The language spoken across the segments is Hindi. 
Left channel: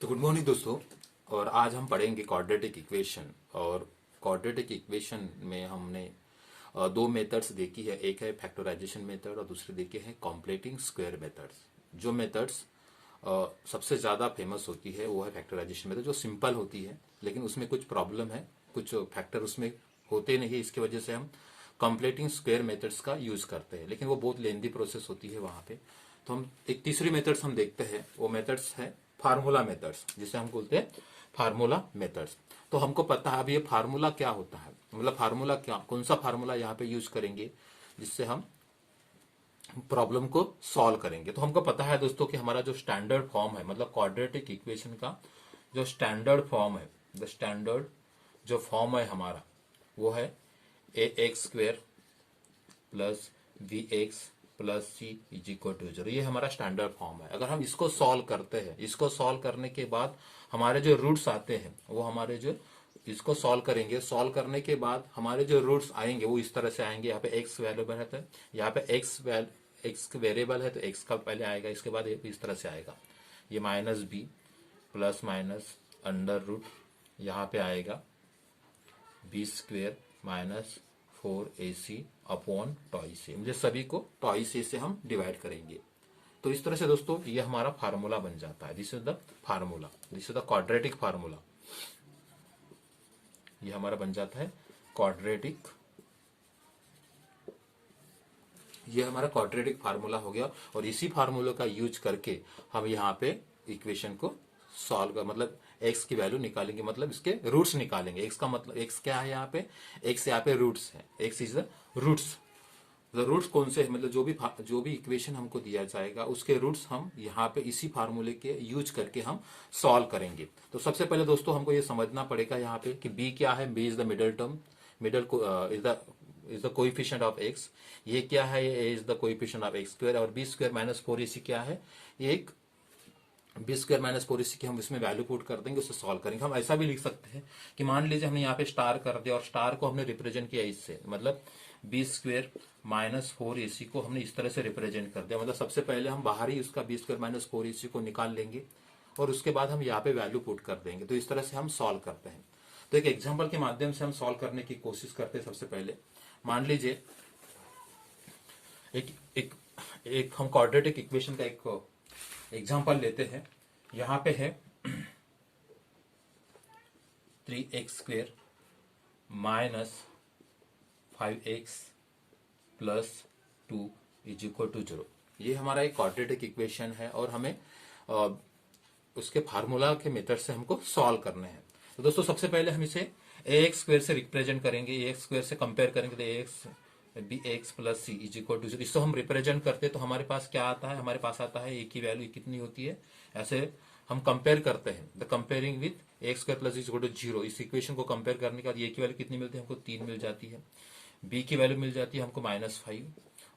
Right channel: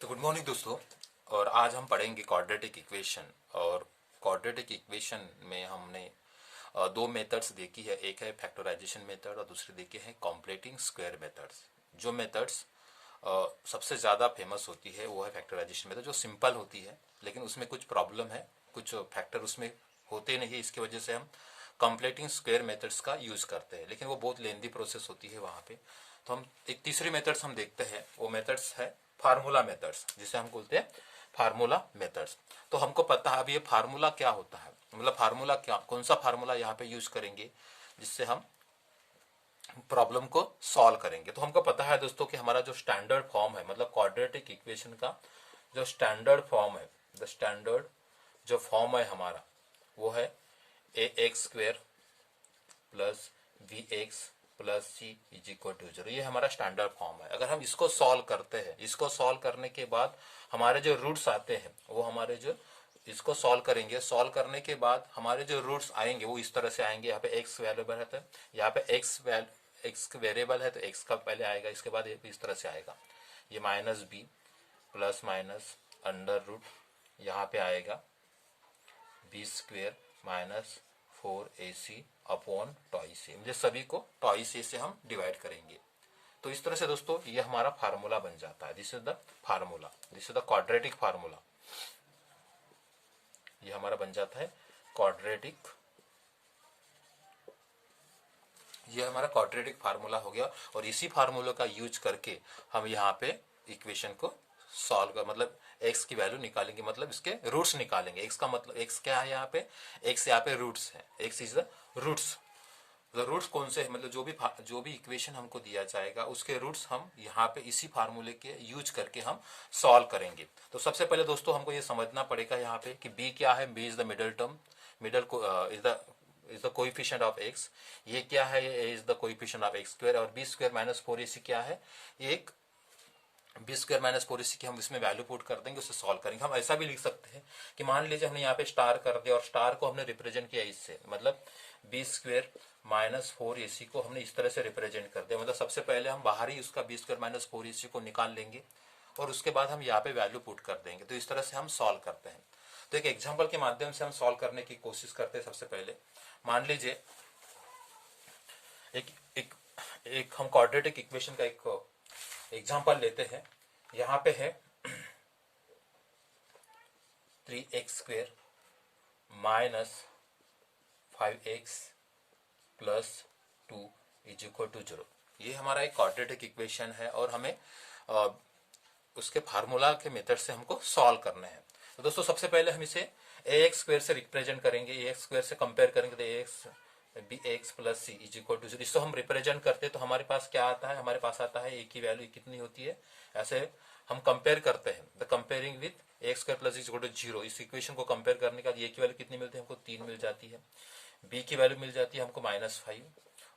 तो गुड मॉर्निंग दोस्तों। और आज हम पढ़ेंगे क्वाड्रेटिक इक्वेशन। और क्वाड्रेटिक इक्वेशन में हमने दो मेथड्स देखी है। एक है फैक्टराइजेशन मेथड और दूसरी देखी है कॉम्प्लेटिंग स्क्वायर मेथड्स। जो मेथड्स सबसे ज़्यादा फेमस होती है वो है फैक्टराइजेशन मेथड, जो सिंपल होती है लेकिन उसमें कुछ प्रॉब्लम है, कुछ फैक्टर उसमें होते नहीं है। इसकी वजह से हम कॉम्प्लेटिंग स्क्वायर मेथड्स का यूज करते हैं, लेकिन वो बहुत लेंदी प्रोसेस होती है वहाँ पे। तो हम एक तीसरी मेथड्स हम देखते हैं, वो मेथड्स है फार्मूला मेथड्स, जिसे हम बोलते हैं फार्मूला मेथड्स। तो हमको पता है अब ये फार्मूला क्या होता है, मतलब फार्मूला क्या, कौन सा फार्मूला यहाँ पे यूज करेंगे जिससे हम प्रॉब्लम को सॉल्व करेंगे। तो हमको पता है दोस्तों कि हमारा जो स्टैंडर्ड फॉर्म है, मतलब क्वाड्रेटिक इक्वेशन का जो स्टैंडर्ड फॉर्म है, द स्टैंडर्ड जो फॉर्म है हमारा, वो है A X square plus V X plus C is equal to zero. ये हमारा स्टैंडर्ड फॉर्म है। अगर हम इसको सॉल्व करते हैं, इसको सॉल्व करने के बाद हमारे जो रूट्स आते हैं वो हमारे जो इसको सॉल्व करेंगे, सॉल्व करने के बाद हमारे जो रूट्स आएंगे वो इस तरह से आएंगे। यहाँ पे एक्स वेरिएबल है तो यहाँ पे एक्स वेरिएबल है तो एक्स का पहले आएगा, इसके बाद इस तरह से आएगा। ये minus B plus minus under root, यहाँ पे आएगा b square minus 4ac upon twice a. मुझे सभी को टॉइस ए से हम डिवाइड करेंगे। तो इस तरह से दोस्तों ये हमारा फार्मूला बन जाता है। This is the formula, this is the quadratic formula. ये हमारा बन जाता है क्वाड्रेटिक, ये हमारा क्वाड्रेटिक फार्मूला हो गया। और इसी फार्मूला का यूज करके हम यहाँ पे इक्वेशन को सॉल्व कर, मतलब एक्स की वैल्यू निकालेंगे, मतलब इसके रूट्स निकालेंगे। एक्स का मतलब एक्स क्या है यहाँ पे, एक्स यहाँ पे रूट्स है, x is the roots. The roots कौन से है, मतलब जो भी इक्वेशन हमको दिया जाएगा उसके रूट्स हम यहाँ पे इसी फार्मूले के यूज करके हम सॉल्व करेंगे। तो सबसे पहले दोस्तों हमको ये समझना पड़ेगा यहाँ पे कि बी क्या है। B is the middle term, middle is the coefficient of x. ये क्या है, ये is the coefficient of x square. और बी स्क्वायर माइनस 4ac क्या है, एक बी स्क्वायर माइनस 4ac की हम इसमें वैल्यू पुट कर देंगे, उससे सॉल्व करेंगे। हम ऐसा भी लिख सकते हैं कि मान लीजिए हमने यहाँ पे स्टार कर दिया और स्टार को हमने रिप्रेजेंट किया इससे, मतलब बी स्क्वायर माइनस 4ac को हमने इस तरह से रिप्रेजेंट कर दिया। मतलब सबसे पहले हम बाहर ही उसका बी स्क्वायर माइनस 4ac को निकाल लेंगे और उसके बाद हम यहाँ पे वैल्यू पुट कर देंगे। तो इस तरह से हम सॉल्व करते हैं। तो एक एग्जाम्पल के माध्यम से हम सॉल्व करने की कोशिश करते हैं। सबसे पहले मान लीजिए एक हम क्वाड्रेटिक इक्वेशन का एक एग्जाम्पल लेते हैं। यहाँ पे है 3x square minus 5x plus 2 is equal to 0। ये हमारा एक क्वाड्रेटिक इक्वेशन है और हमें उसके फार्मूला के मेथड से हमको सॉल्व करना है। तो दोस्तों सबसे पहले हम इसे ax स्क्वेयर से रिप्रेजेंट करेंगे, ax स्क्वेयर से कंपेयर करेंगे तो ax b x plus C is equal to 0। इसको हम रिप्रेजेंट करते हैं तो हमारे पास क्या आता है, हमारे पास आता है ए की वैल्यू कितनी होती है। ऐसे हम कंपेयर करते हैं, the comparing with x square plus is equal to 0। इस इक्वेशन को कंपेयर करने के बाद ए की वैल्यू कितनी मिलती है, हमको 3 मिल जाती है। बी की वैल्यू मिल जाती है हमको -5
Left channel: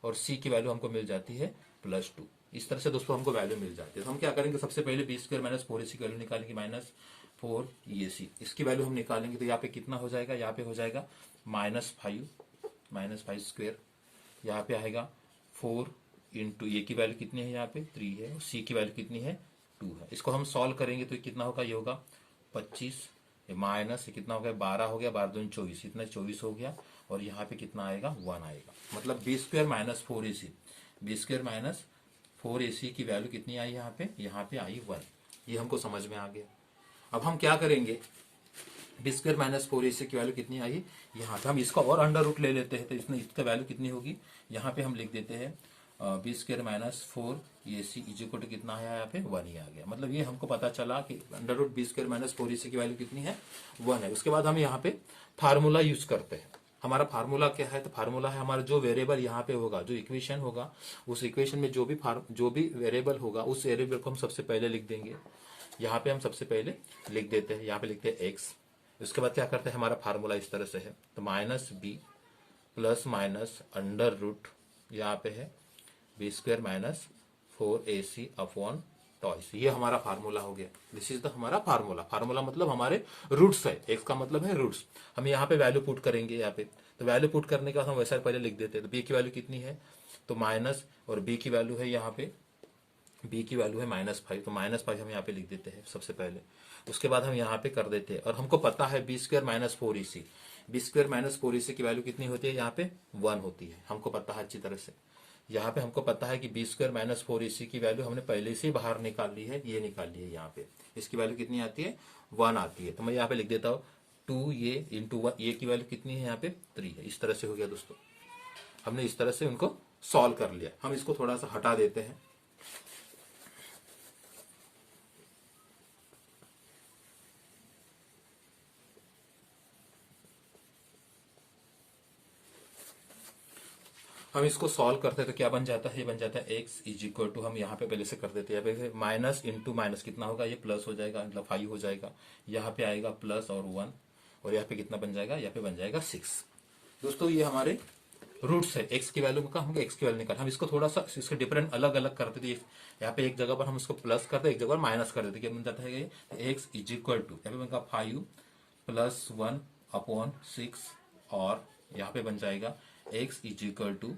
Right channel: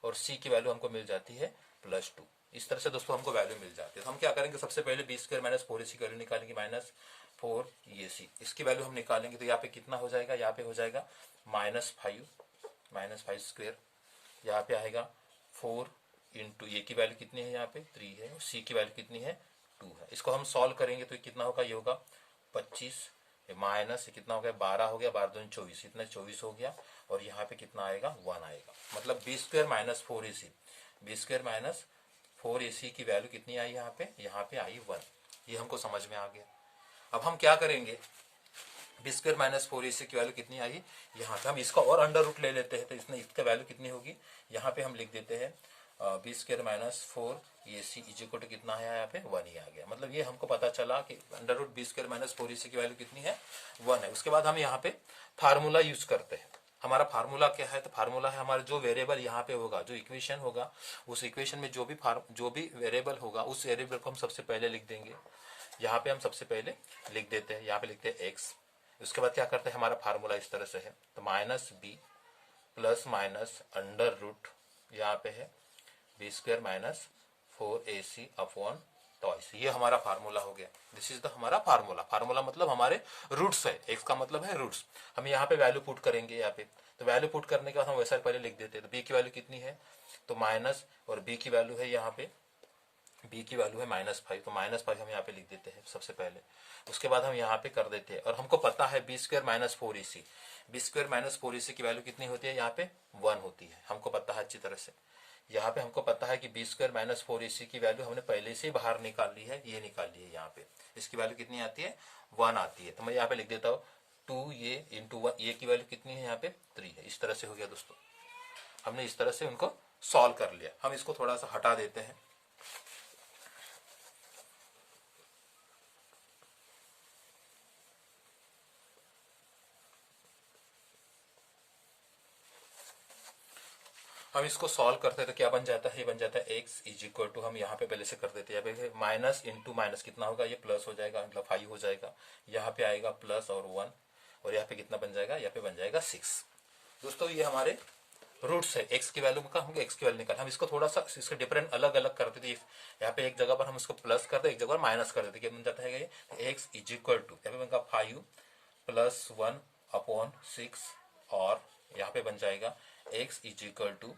और सी की वैल्यू हमको मिल जाती है +2। इस तरह से दोस्तों हमको वैल्यू मिल जाती है। तो हम क्या करेंगे, सबसे पहले बी स्क्वायर माइनस 4ac की वैल्यू निकालेंगे, -4ac इसकी वैल्यू हम निकालेंगे। तो यहाँ पे कितना हो जाएगा, यहाँ पे हो जाएगा -5 स्क्वायर, यहाँ पे आएगा 4 इंटू ए की वैल्यू कितनी है, यहाँ पे 3 है, और सी की वैल्यू कितनी है 2 है। इसको हम सॉल्व करेंगे तो कितना होगा, ये होगा 25 माइनस ये कितना हो गया 12 हो गया, 12 दूनी 24, इतना 24 हो गया। और यहाँ पे कितना आएगा 1 आएगा। मतलब b square minus 4ac, b square minus 4ac की वैल्यू कितनी आई यहाँ पे आई 1। ये हमको समझ में आ गया। अब हम क्या करेंगे, बी स्क्वायर माइनस 4ac की वैल्यू कितनी आई, यहाँ पे हम इसका और अंडर रूट ले लेते हैं। तो इसमें इसका वैल्यू कितनी होगी, यहाँ पे हम लिख देते हैं b square minus 4ac is equal to कितना है, यहाँ पे 1 ही आ गया। मतलब ये हमको पता चला कि under root B square minus 4ac की वैल्यू कितनी है, 1 है। उसके बाद हम यहाँ पे फार्मूला यूज करते हैं। हमारा फार्मूला क्या है, तो फार्मूला है हमारा जो वेरिएबल यहाँ पे होगा, जो इक्वेशन होगा, उस इक्वेशन में जो भी वेरिएबल होगा उस वेरिएबल को हम सबसे पहले लिख देंगे। यहाँ पे हम सबसे पहले लिख देते हैं, यहाँ पे लिखते हैं एक्स। उसके बाद क्या करते हैं, हमारा फार्मूला इस तरह से है, तो minus B plus minus under root यहाँ पे है b square minus 4ac upon twice. ये हमारा फार्मूला हो गया। दिस इज द हमारा फार्मूला। फार्मूला मतलब हमारे रूट्स है, एक्स का मतलब है रूट्स। हम यहाँ पे वैल्यू पुट करेंगे यहाँ पे, तो वैल्यू पुट करने के बाद हम वैसा पहले लिख देते हैं। तो बी की वैल्यू कितनी है, तो माइनस, और बी की वैल्यू है यहाँ पे बी की वैल्यू है -5, तो -5 हम यहाँ पे लिख देते हैं सबसे पहले। उसके बाद हम यहाँ पे कर देते हैं, और हमको पता है b² - 4ac, b² - 4ac की वैल्यू कितनी होती है, यहाँ पे 1 होती है, हमको पता है अच्छी तरह से। यहाँ पे हमको पता है कि b² - 4ac की वैल्यू हमने पहले से बाहर निकाल ली है, ये निकाल ली है यहाँ पे। इसकी वैल्यू कितनी आती है, 1 आती है। तो मैं यहाँ पे लिख देता हूँ 2 ये इंटू 1, ये की वैल्यू कितनी है यहाँ पे 3 है। इस तरह से हो गया दोस्तों, हमने इस तरह से उनको सॉल्व कर लिया। हम इसको थोड़ा सा हटा देते हैं। हम इसको सॉल्व करते हैं तो क्या बन जाता है, ये बन जाता है x इज इक्वल टू, हम यहाँ पे पहले से कर देते हैं, यहाँ पे माइनस इंटू माइनस कितना होगा, ये प्लस हो जाएगा, मतलब 5 हो जाएगा, यहाँ पे आएगा प्लस और 1, और यहाँ पे कितना बन जाएगा, यहाँ पे बन जाएगा 6। दोस्तों ये हमारे रूट्स है, x की वैल्यू का हमको x की वैल्यू निकाल, हम इसको थोड़ा सा इसके डिफरेंट अलग अलग करते थे। यहाँ पे एक जगह पर हम इसको प्लस करते, एक जगह पर माइनस कर देते, क्या बन जाता है, x इज इक्वल टू, यहाँ पे बनता 5 प्लस 1/6, और यहाँ पे बन जाएगा x is equal to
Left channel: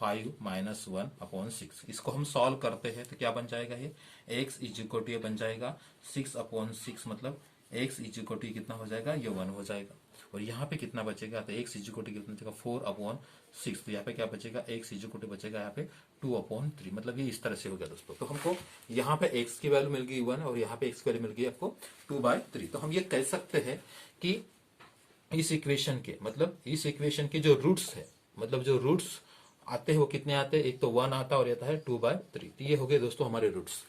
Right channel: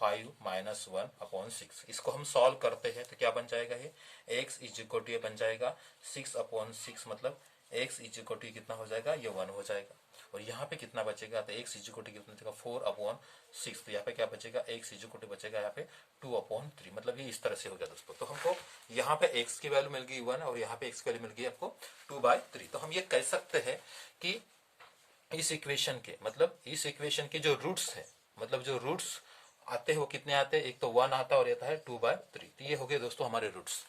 5 minus 1/6। इसको हम सॉल्व करते हैं तो क्या बन जाएगा, ये x इज इक्वल टू ये बन जाएगा 6/6, मतलब x इज इक्वल टू कितना हो जाएगा, ये 1 हो जाएगा। और यहाँ पे कितना बचेगा, तो x इज इक्वल टू कितना बचेगा 4/6, तो यहाँ पे क्या बचेगा, x इज इक्वल टू बचेगा यहाँ पे 2/3, मतलब ये इस तरह से हो गया दोस्तों। तो हमको यहाँ पे x की वैल्यू मिल गई 1, और यहाँ पे x की वैल्यू मिल गई आपको 2/3। तो हम ये कह सकते हैं कि इस इक्वेशन के, मतलब इस इक्वेशन के जो रूट्स है, मतलब जो रूट्स आते हैं वो कितने आते हैं, एक तो 1 आता है और आता है 2/3। तो ये हो गए दोस्तों हमारे रूट्स।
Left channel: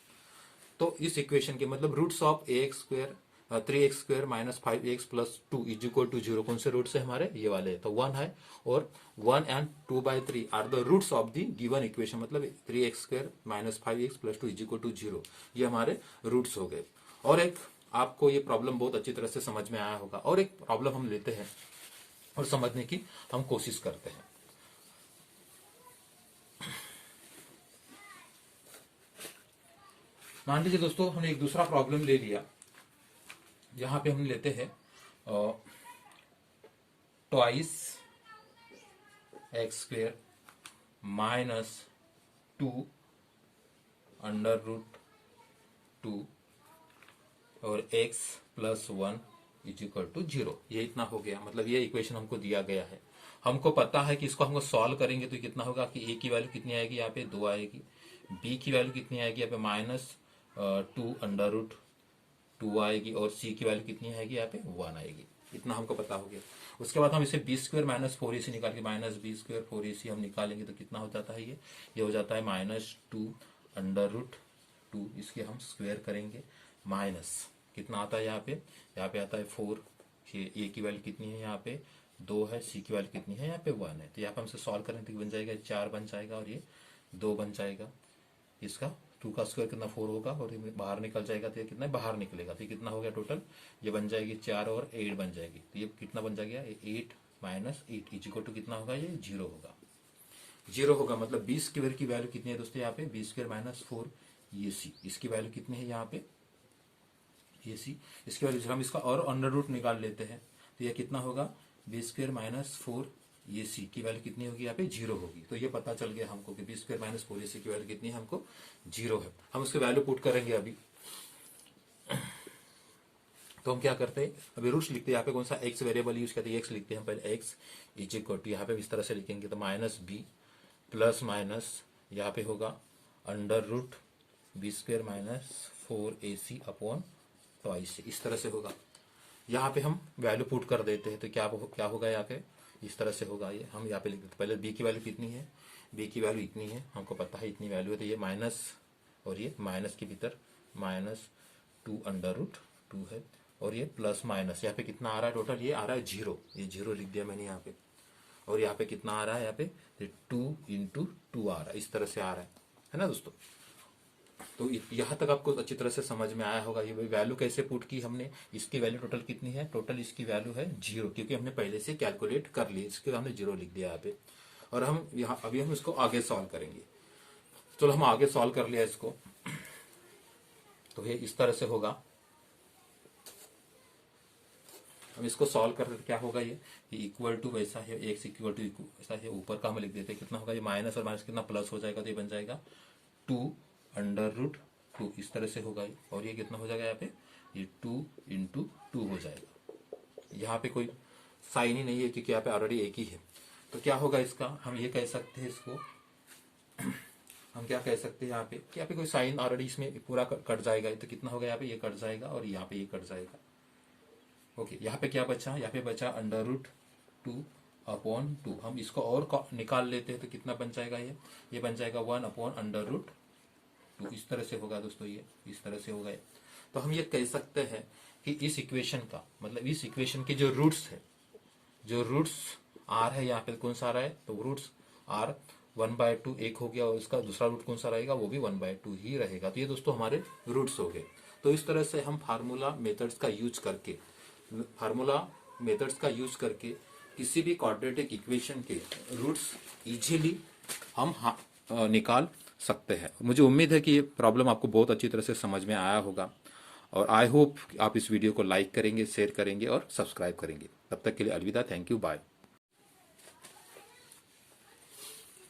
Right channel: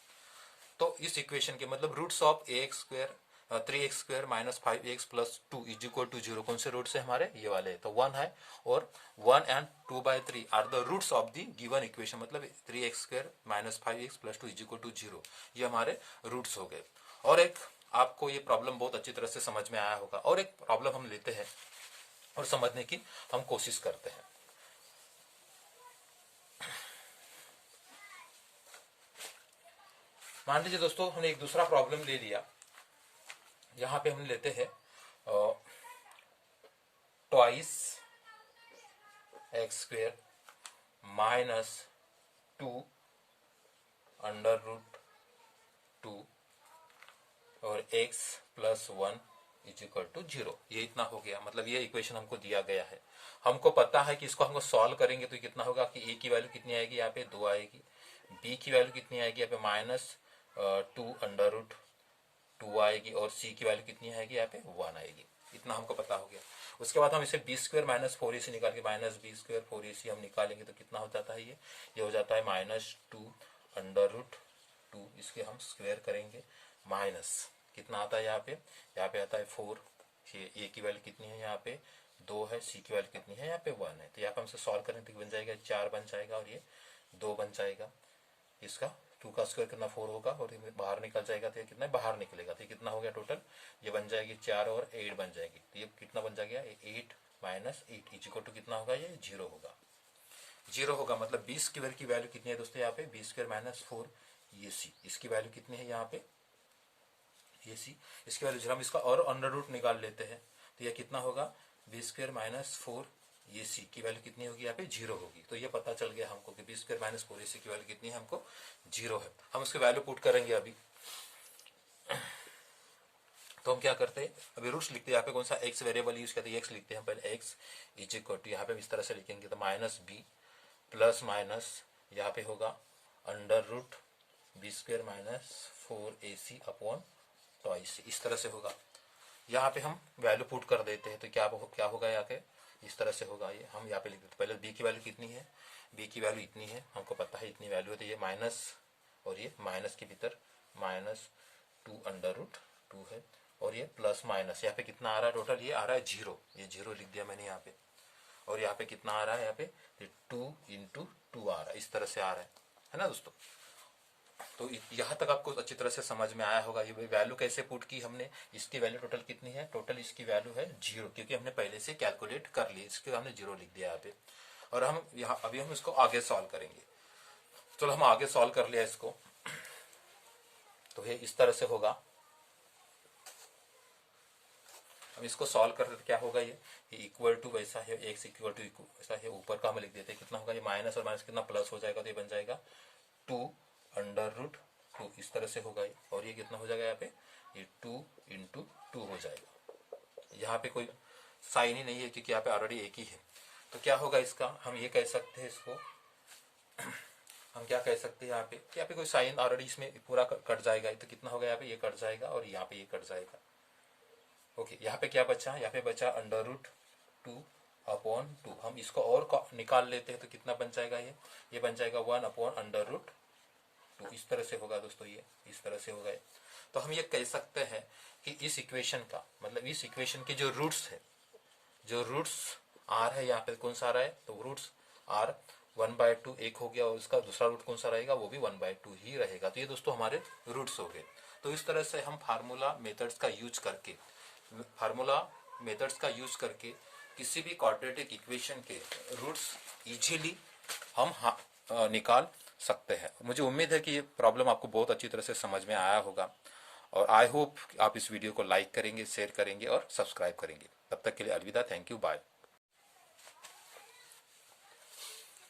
तो इस इक्वेशन के मतलब roots of ax² 3x² - 5x + 2 is equal to 0, कौन से रूट्स है हमारे, ये वाले। तो 1 है, और 1 and 2/3 are the roots of the given equation, मतलब 3x² - 5x + 2 is equal to 0, ये हमारे रूट्स हो गए। और एक आपको ये प्रॉब्लम बहुत अच्छी तरह से समझ में आया होगा, और एक प्रॉब्लम हम लेते हैं और समझने की हम कोशिश करते हैं। मान लीजिए दोस्तों हमने एक दूसरा प्रॉब्लम ले लिया। यहां पे हम लेते हैं ट्वाइस x² - 2 √2 और x + 1 इज इक्वल टू 0। ये इतना हो गया, मतलब ये इक्वेशन हमको दिया गया है। हमको पता है कि इसको हमको सॉल्व करेंगे तो कितना होगा कि a की वैल्यू कितनी आएगी, यहाँ पे 2 आएगी, b की वैल्यू कितनी आएगी, यहाँ पे -2 √2 आएगी, और c की वैल्यू कितनी आएगी, यहाँ पे 1 आएगी। इतना हमको पता हो गया। उसके बाद हम इसे b² - 4ac निकाल के -b² 4ac हम निकालेंगे तो कितना हो जाता है, ये हो जाता है -2 √2, इसके हम स्क्वायर करेंगे, माइनस कितना आता है यहाँ पे आता है 4, ये a की वैल्यू कितनी है, यहाँ पे 2 है, c की वैल्यू कितनी है, यहाँ पे 1 है। तो यहाँ पे हमसे सॉल्व करें तो बन जाएगा 4 बन जाएगा, और ये 2 बन जाएगा। इसका 2 का स्क्वायर कितना 4 होगा, और ये बाहर निकल जाएगा तो ये कितना बाहर निकलेगा, तो ये कितना हो गया टोटल, ये बन जाएगी 4 और 8 बन जाएगी। तो ये कितना बन जाएगा, 8 - 8 इज इक्वल टू कितना होगा, ये 0 होगा। 0 होगा, मतलब b² की वैल्यू कितनी है दोस्तों, यहाँ पे b² - 4 ये c, इसकी वैल्यू कितनी है यहाँ पे, ये c, इसकी वैल्यू हम इसका और अंडर रूट निकाल लेते हैं तो यह कितना होगा, b² - 4 ये c की वैल्यू कितनी होगी, यहाँ पे 0 होगी। तो ये पता चल गया हमको कि b² - 4 ac की वैल्यू कितनी है, हमको 0 है। हम उसकी वैल्यू पुट करेंगे अभी। तो हम क्या करते हैं, अभी रूट्स लिखते हैं, यहाँ पे कौन सा x वेरिएबल यूज करते हैं, x लिखते हैं पहले, x इज इक्वल टू, यहाँ पे इस तरह से लिखेंगे तो -b प्लस माइनस यहाँ पे होगा under root b² - 4ac upon twice, इस तरह से होगा। यहाँ पे हम वैल्यू पुट कर देते हैं तो क्या होगा, यहाँ पे इस तरह से होगा। ये हम यहाँ पे लिख देते, पहले b की वैल्यू कितनी है, b की वैल्यू इतनी है, हमको पता है इतनी वैल्यू है, तो ये माइनस और ये माइनस के भीतर -2 अंडर रूट 2 है, और ये प्लस माइनस यहाँ पे कितना आ रहा है टोटल, ये आ रहा है 0, ये 0 लिख दिया मैंने यहाँ पे। और यहाँ पे कितना आ रहा है, यहाँ पे 2 × 2 आ रहा है, इस तरह से आ रहा है ना दोस्तों। तो यहाँ तक आपको अच्छी तरह से समझ में आया होगा। ये वैल्यू कैसे पुट की हमने, इसकी वैल्यू टोटल कितनी है, टोटल इसकी वैल्यू है 0, क्योंकि हमने पहले से कैलकुलेट कर ली, इसके हमने 0 लिख दिया यहाँ पे। और हम यहाँ अभी हम इसको आगे सॉल्व करेंगे। चलो हम आगे सॉल्व कर लिया इसको, तो ये इस तरह से होगा। हम इसको सॉल्व करते तो क्या होगा, ये इक्वल टू वैसा है, x इक्वल टू ऐसा है, ऊपर का हम लिख देते हैं कितना होगा, ये माइनस और माइनस कितना प्लस हो जाएगा, तो ये बन जाएगा 2 इस तरह से होगा ये, और ये कितना हो जाएगा यहाँ पे, ये 2 × 2 हो जाएगा। यहाँ पे कोई साइन ही नहीं है क्योंकि यहाँ पे ऑलरेडी एक ही है। तो क्या होगा इसका, हम ये कह सकते हैं इसको, हम क्या कह सकते हैं यहाँ पे कि यहाँ पे कोई साइन ऑलरेडी इसमें पूरा कट जाएगा। तो कितना होगा यहाँ पे, ये कट जाएगा और यहाँ पे ये कट जाएगा। ओके, यहाँ पे क्या बचा, यहाँ पे बचा √2/2। हम इसको और निकाल लेते हैं तो कितना बन जाएगा, ये बन जाएगा 1/√2। इस तरह से होगा दोस्तों, ये इस तरह से होगा। तो हम ये कह सकते हैं कि इस इक्वेशन का मतलब इस इक्वेशन के जो रूट्स है, जो रूट्स आर है, यहाँ पे कौन सा आ रहा है, तो रूट्स आर 1/2 एक हो गया, और इसका दूसरा रूट कौन सा रहेगा, वो भी 1/2 ही रहेगा। तो ये दोस्तों हमारे रूट्स हो गए। तो इस तरह से हम फार्मूला मेथड्स का यूज करके किसी भी क्वाड्रेटिक इक्वेशन के रूट्स इजीली हम निकाल सकते हैं। मुझे उम्मीद है कि ये प्रॉब्लम आपको बहुत अच्छी तरह से समझ में आया होगा, और आई होप आप इस वीडियो को लाइक करेंगे, शेयर करेंगे और सब्सक्राइब करेंगे। तब तक के लिए अलविदा, थैंक यू, बाय।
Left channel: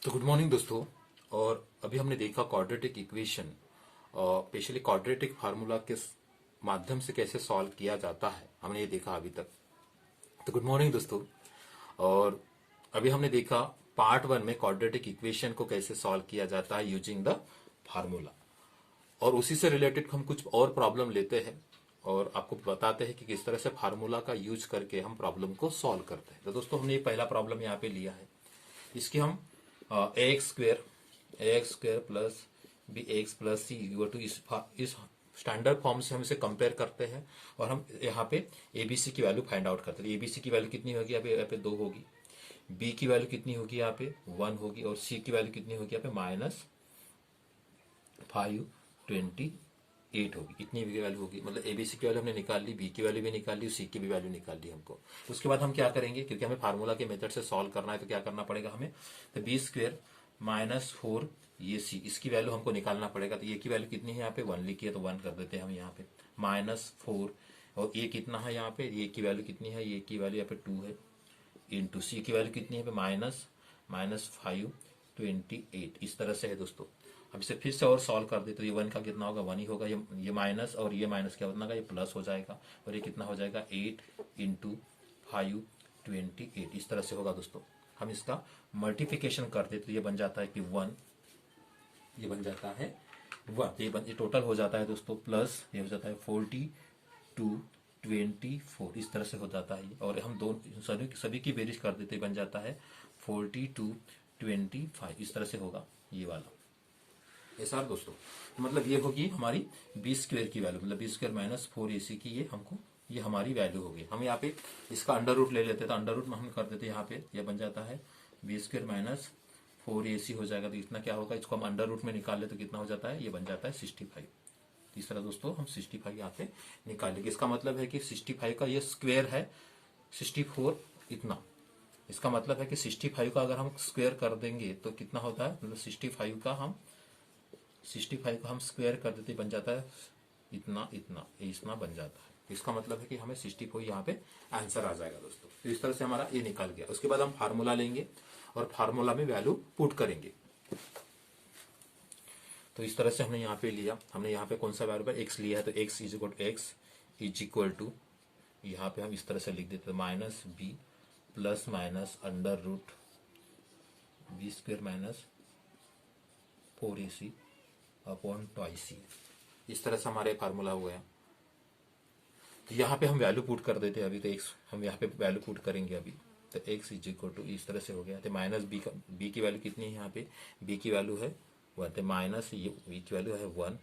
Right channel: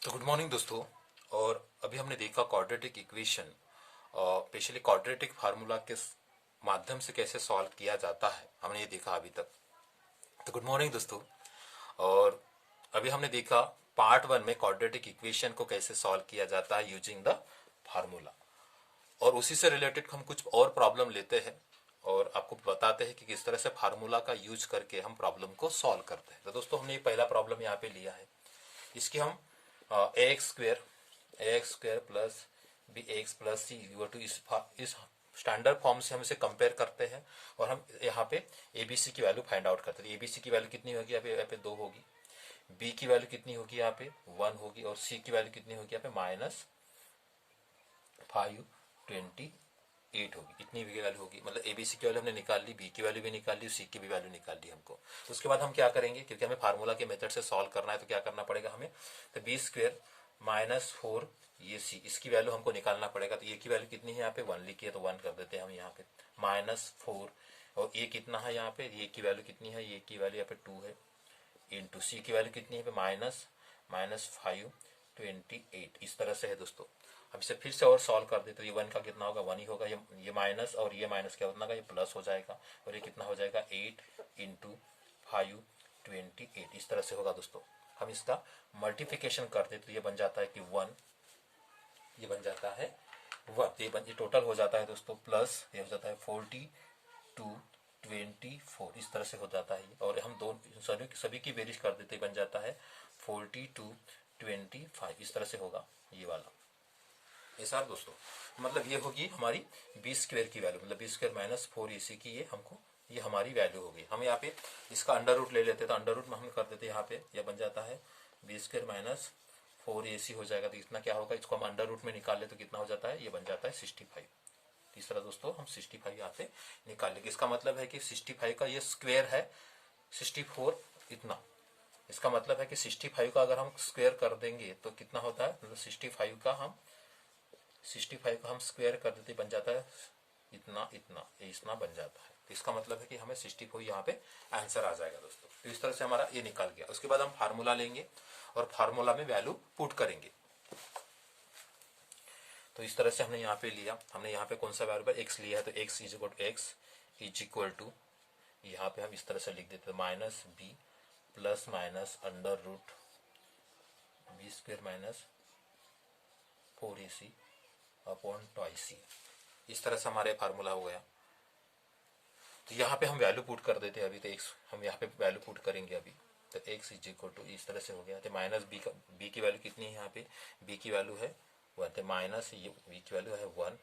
तो गुड मॉर्निंग दोस्तों, और अभी हमने देखा quadratic equation, specially quadratic formula के माध्यम से कैसे सॉल्व किया जाता है, हमने ये देखा अभी तक। तो गुड मॉर्निंग दोस्तों, और अभी हमने देखा पार्ट 1 में क्वाड्रेटिक इक्वेशन को कैसे सॉल्व किया जाता है यूजिंग द फार्मूला, और उसी से रिलेटेड हम कुछ और प्रॉब्लम लेते हैं और आपको बताते हैं कि किस तरह से फार्मूला का यूज करके हम प्रॉब्लम को सॉल्व करते हैं। तो दोस्तों हमने ये पहला प्रॉब्लम यहाँ पे लिया है, इसकी हम ax square plus bx plus c to इस स्टैंडर्ड फॉर्म से हम इसे कंपेयर करते हैं, और हम यहाँ पे abc की वैल्यू फाइंड आउट करते हैं। abc की वैल्यू कितनी होगी, यहाँ पे 2 होगी, b की वैल्यू कितनी होगी, यहाँ पे 1 होगी, और c की वैल्यू कितनी होगी, यहाँ पे -528 होगी। इतनी भी वैल्यू होगी, मतलब एबीसी की वैल्यू हमने निकाल ली, बी की वैल्यू भी निकाल ली, सी की भी वैल्यू निकाल ली हमको। तो उसके बाद हम क्या करेंगे, क्योंकि हमें फार्मूला के मेथड से सॉल्व करना है, तो क्या करना पड़ेगा हमें, तो b² -4 ये सी, इसकी वैल्यू हमको निकालना पड़ेगा। तो ए की वैल्यू कितनी है, यहाँ पे 1 लिखी है तो 1 कर देते हैं हम यहाँ पे, -4, और ए कितना है यहाँ पे, ए की वैल्यू कितनी है, ए की वैल्यू यहाँ पे 2 है, इंटू सी की वैल्यू कितनी है पे -528। इस तरह से है दोस्तों। अब इसे फिर से और सॉल्व कर दे तो ये 1 का कितना होगा, 1 ही होगा, ये माइनस और ये माइनस क्या होगा, ये प्लस हो जाएगा, और ये कितना हो जाएगा 8 × 528। इस तरह से होगा दोस्तों। हम इसका मल्टीप्लिकेशन कर दे तो ये बन जाता है कि 1, ये बन जाता है 1, ये टोटल हो जाता है दोस्तों, प्लस ये हो जाता है 42 24। इस तरह से हो जाता है, और हम सभी की बेरीज कर देते बन जाता है 42 25। इस तरह से होगा ये वाला, ऐसा दोस्तों। मतलब ये होगी हमारी b² की वैल्यू, मतलब b² -4ac की ये हमारी वैल्यू होगी। हम यहाँ पे इसका अंडर रूट ले लेते हैं, तो अंडर रूट में हम कर देते हैं यहाँ पे, ये बन जाता है b² -4ac हो जाएगा। तो इतना क्या होगा, इसको हम अंडर रूट में निकाल ले तो कितना हो जाता है, ये बन जाता है 65। इस तरह दोस्तों हम 65 यहाँ पे निकाल लेंगे। इसका मतलब है कि 65 का ये स्क्वायर है 64 इतना। इसका मतलब है कि 65 का अगर हम स्क्वायर कर देंगे तो कितना होता है, मतलब 65 का हम स्क्वायर कर देते बन जाता है इतना बन जाता है। इसका मतलब है कि हमें 64 यहाँ पे आंसर आ जाएगा दोस्तों। तो इस तरह से हमारा ये निकाल गया। उसके बाद हम फार्मूला लेंगे और फार्मूला में वैल्यू पुट करेंगे। तो इस तरह से हमने यहाँ पे लिया, हमने यहाँ पे कौन सा वैल्यू x लिया है, तो x इज इक्वल टू यहाँ पे हम इस तरह से लिख देते हैं -b plus minus under root b² -4ac upon 2c। इस तरह से हमारे फार्मूला हुआ है। तो यहाँ पे हम वैल्यू पुट कर देते हैं अभी, तो x हम यहाँ पे वैल्यू पुट करेंगे अभी, तो x इज इक्वल टू इस तरह से हो गया। तो b की वैल्यू कितनी है, यहाँ पे b की वैल्यू है 1, तो माइनस ये b की वैल्यू है 1,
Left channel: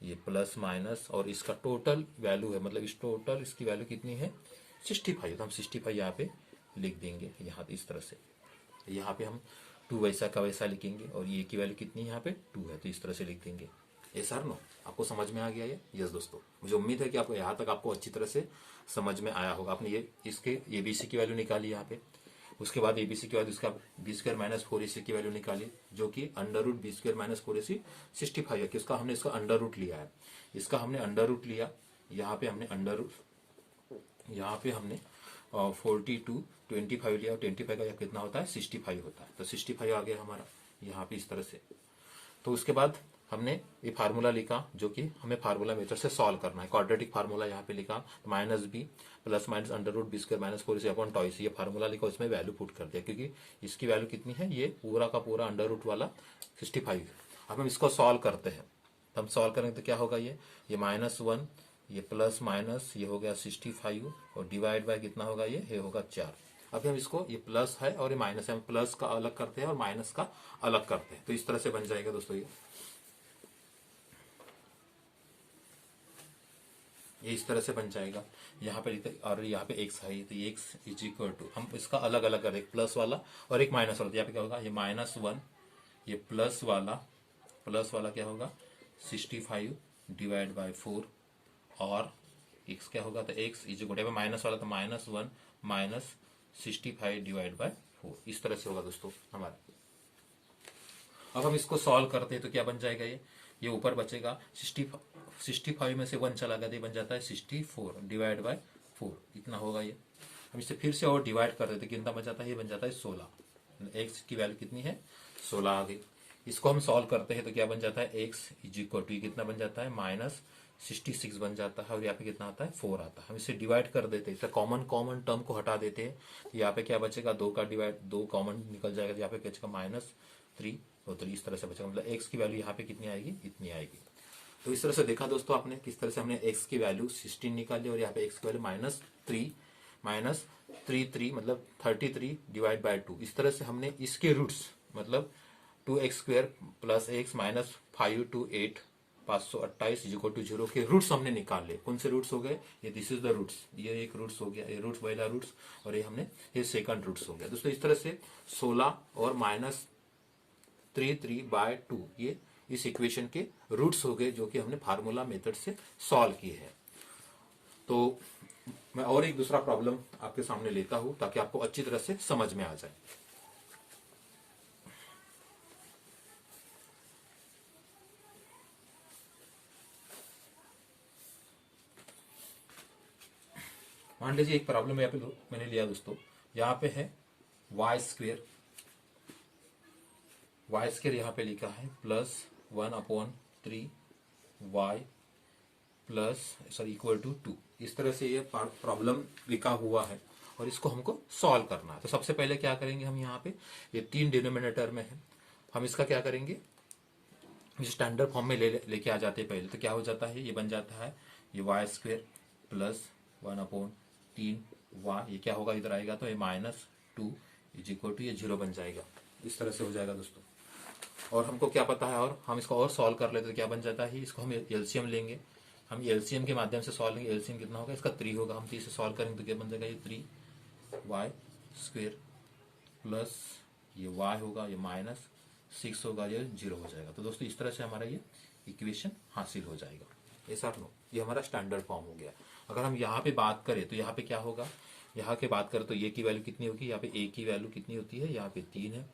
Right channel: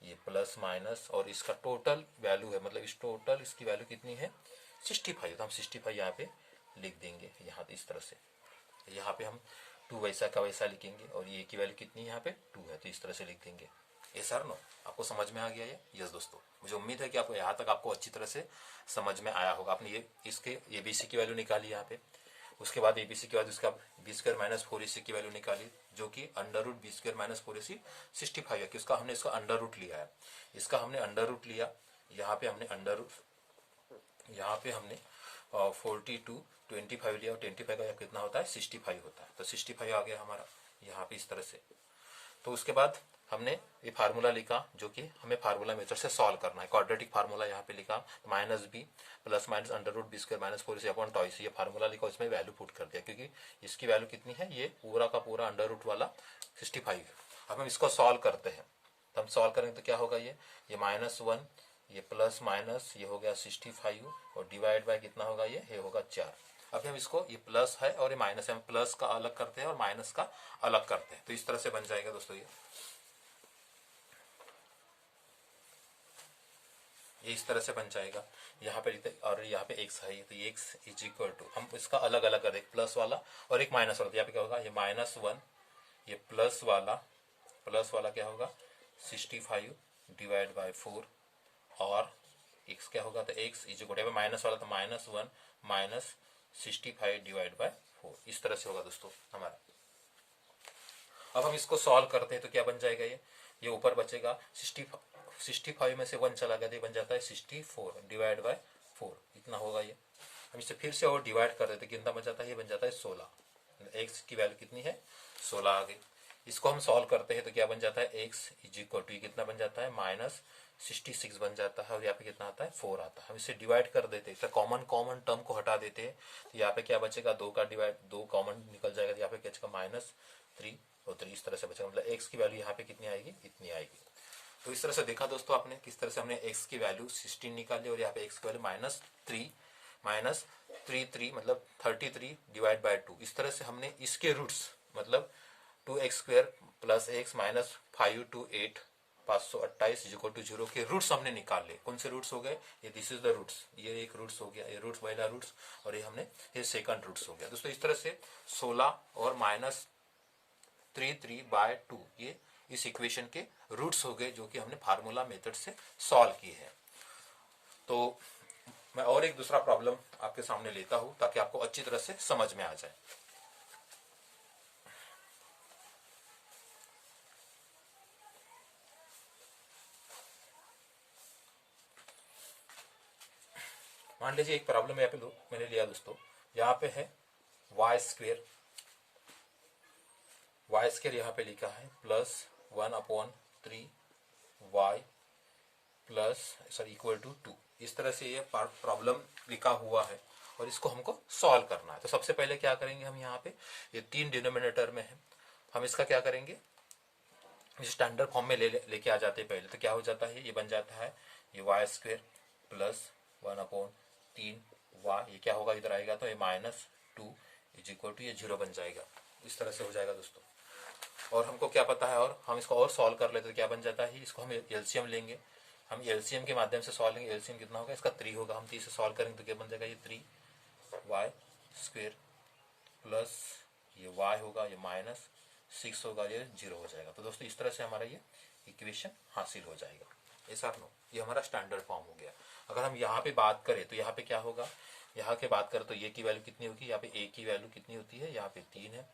ये प्लस माइनस और इसका टोटल वैल्यू है, मतलब इसकी वैल्यू कितनी है 65। तो हम 65 यहाँ पे लिख देंगे यहाँ इस तरह से। यहाँ पे हम 2 वैसा का वैसा लिखेंगे, और ये की वैल्यू कितनी है यहाँ पे 2 है, तो इस तरह से लिख देंगे। ये सर नो आपको समझ में आ गया ये? यस दोस्तों, मुझे उम्मीद है कि आपको यहाँ तक आपको अच्छी तरह से समझ में आया होगा। आपने ये इसके एबीसी की वैल्यू निकाली यहाँ पे, उसके बाद एबीसी के बाद उसका b² -4ac की वैल्यू निकाली, जो कि अंडर रूट b² -4ac 65 है, कि उसका हमने इसका अंडर रूट लिया है। इसका हमने अंडर रूट लिया, यहाँ पे हमने अंडर रूट, यहाँ पे हमने 42 25 लिया, और 25 का कितना होता है 65 होता है, तो 65 आ गया हमारा यहाँ पे इस तरह से। तो उसके बाद हमने ये फार्मूला लिखा जो कि हमें फार्मूला मेथड से सॉल्व करना है। क्वाड्रेटिक फार्मूला यहाँ पे लिखा minus B plus minus under root B square minus 4 upon twice, ये फार्मूला लिखा, उसमें वैल्यू पुट कर दिया क्योंकि इसकी वैल्यू कितनी है, ये पूरा का पूरा अंडर रूट वाला 65। अब हम इसको सॉल्व करते हैं, तो हम सॉल्व करेंगे तो क्या होगा, ये -1, ये प्लस माइनस, ये हो गया 65 और डिवाइड बाय कितना होगा, ये होगा 4। अभी हम इसको, ये प्लस है और ये माइनस है, हम प्लस का अलग करते हैं और माइनस का अलग करते हैं, तो इस तरह से बन जाएगा दोस्तों। ये इस तरह से बन जाएगा। यहाँ पे और यहाँ पे x है, तो x इज इक्वल टू, हम इसका अलग अलग कर, एक प्लस वाला और एक माइनस वाला, तो यहाँ पे क्या होगा, ये -1, ये प्लस वाला क्या होगा 65 डिवाइड बाय 4 और x क्या होगा, तो x is equal to minus वाला तो -1 माइनस 65 डिवाइड बाय 4, इस तरह से होगा दोस्तों हमारा। अब हम इसको सॉल्व करते हैं तो क्या बन जाएगा, ये ऊपर बचेगा 65 में से 1 चला गया तो ये बन जाता है 64 डिवाइड बाय 4, इतना होगा ये। हम इसे फिर से और डिवाइड कर देते, कितना बन जाता है, ये बन जाता है 16। एक्स की वैल्यू कितनी है, 16 आ गई। इसको हम सॉल्व करते हैं तो क्या बन जाता है, एक्स इज इक्वल टू कितना बन जाता है, -66 बन जाता है और यहाँ पे कितना आता है, 4 आता है। हम इसे डिवाइड कर देते हैं, कॉमन टर्म को हटा देते हैं, तो यहाँ पे क्या बचेगा, 2 का डिवाइड 2 कॉमन निकल जाएगा, यहाँ पे बचेगा -3 और 3 इस तरह से बचेगा, मतलब एक्स की वैल्यू यहाँ पे कितनी आएगी, इतनी आएगी। तो इस तरह से देखा दोस्तों आपने किस तरह से हमने x की वैल्यू 16 निकाली और यहाँ पे x की वैल्यू -3 मतलब 33 डिवाइड बाय 2, इस तरह से हमने इसके रूट्स मतलब 2x² plus x minus 5 to 8 528 is equal to 0 के रूट्स हमने निकाल लिए। कौन से रूट्स हो गए, ये दिस इज द रूट्स, ये एक रूट्स हो गया, ये रूट्स पहला रूट्स और ये सेकंड रूट्स हो गया दोस्तों। इस तरह से 16 और -33/2 ये इस इक्वेशन के रूट्स हो गए जो कि हमने फार्मूला मेथड से सॉल्व किए हैं। तो मैं और एक दूसरा प्रॉब्लम आपके सामने लेता हूं ताकि आपको अच्छी तरह से समझ में आ जाए। मान लीजिए एक प्रॉब्लम यहाँ पे मैंने लिया दोस्तों, यहाँ पे है y² यहाँ पे लिखा है +1/3 y इक्वल टू 2, इस तरह से ये प्रॉब्लम लिखा हुआ है और इसको हमको सॉल्व करना है। तो सबसे पहले क्या करेंगे, हम यहाँ पे ये 3 डिनोमिनेटर में है, हम इसका क्या करेंगे, स्टैंडर्ड फॉर्म में लेके आ जाते हैं पहले। तो क्या हो जाता है, ये बन जाता है ये y² +1/3 y, ये क्या होगा इधर आएगा तो ये -2 इज इक्वल टू ये 0 बन जाएगा, इस तरह से हो जाएगा दोस्तों। और हमको क्या पता है, और हम इसको और सॉल्व कर लेते तो क्या बन जाता है, इसको हम एलसीएम लेंगे, हम एलसीएम के माध्यम से सॉल्व लेंगे। एलसीएम कितना होगा, इसका 3 होगा, हम 3 से सॉल्व करेंगे तो क्या बन जाएगा, ये 3y² प्लस ये y होगा, ये -6 होगा, ये 0 हो जाएगा। तो दोस्तों इस तरह से हमारा ये इक्वेशन हासिल हो जाएगा। ऐसा नो, ये हमारा स्टैंडर्ड फॉर्म हो गया। अगर हम यहाँ पे बात करें तो यहाँ पे क्या होगा, यहाँ के बात करें तो ये की वैल्यू कितनी होगी, यहाँ पे a की वैल्यू कितनी होती है, यहाँ पे 3 है,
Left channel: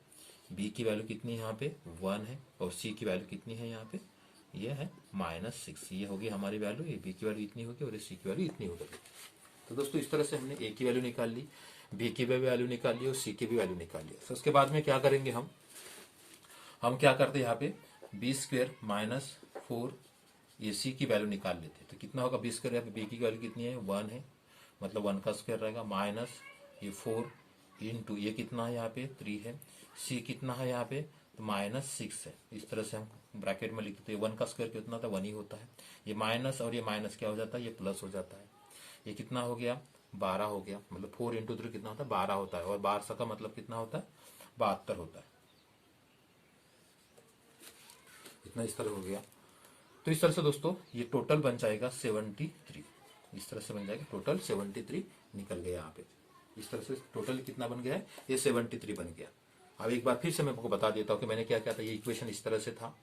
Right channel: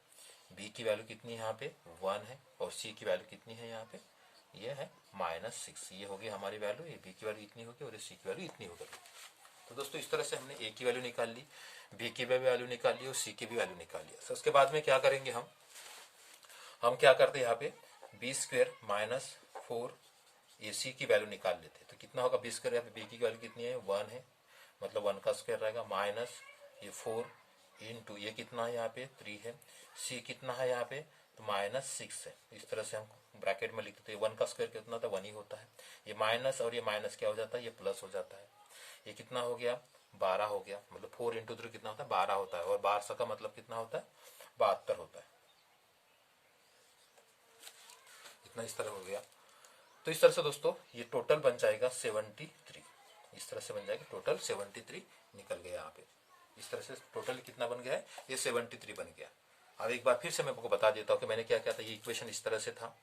b की वैल्यू कितनी है, यहाँ पे 1 है और c की वैल्यू कितनी है, यहाँ पे ये है -6, ये होगी हमारी वैल्यू, ये b की वैल्यू इतनी होगी और c की वैल्यू इतनी होगी। तो दोस्तों इस तरह से हमने a की वैल्यू निकाल ली, b की भी वैल्यू निकाल ली और c की भी वैल्यू निकाल ली। तो उसके बाद में क्या करेंगे, हम क्या करते हैं, यहाँ पे b² -4 ac की वैल्यू निकाल लेते हैं। तो कितना होगा b², यहाँ पे b की वैल्यू कितनी है, 1 है, मतलब 1 का स्क्वायर रहेगा, माइनस ये 4 इंटू ये कितना है, यहाँ पे 3 है, c कितना है यहाँ पे तो -6 है। इस तरह से हम ब्रैकेट में लिखते हैं, 1 का स्क्वायर कितना था, 1 ही होता है, ये माइनस और ये माइनस क्या हो जाता है, ये प्लस हो जाता है। ये कितना हो गया, 12 हो गया, मतलब 4 इंटू 3 कितना होता है, 12 होता है, और 12 का मतलब कितना होता है, 72 होता है। इतना इस तरह हो गया। तो इस तरह से दोस्तों ये टोटल बन जाएगा 73, इस तरह से बन जाएगा, टोटल 73 निकल गया यहाँ पे। इस तरह से टोटल कितना बन गया है, ये 73 बन गया। अब एक बार फिर से मैं आपको बता देता हूँ कि मैंने क्या किया था। ये इक्वेशन इस तरह से था,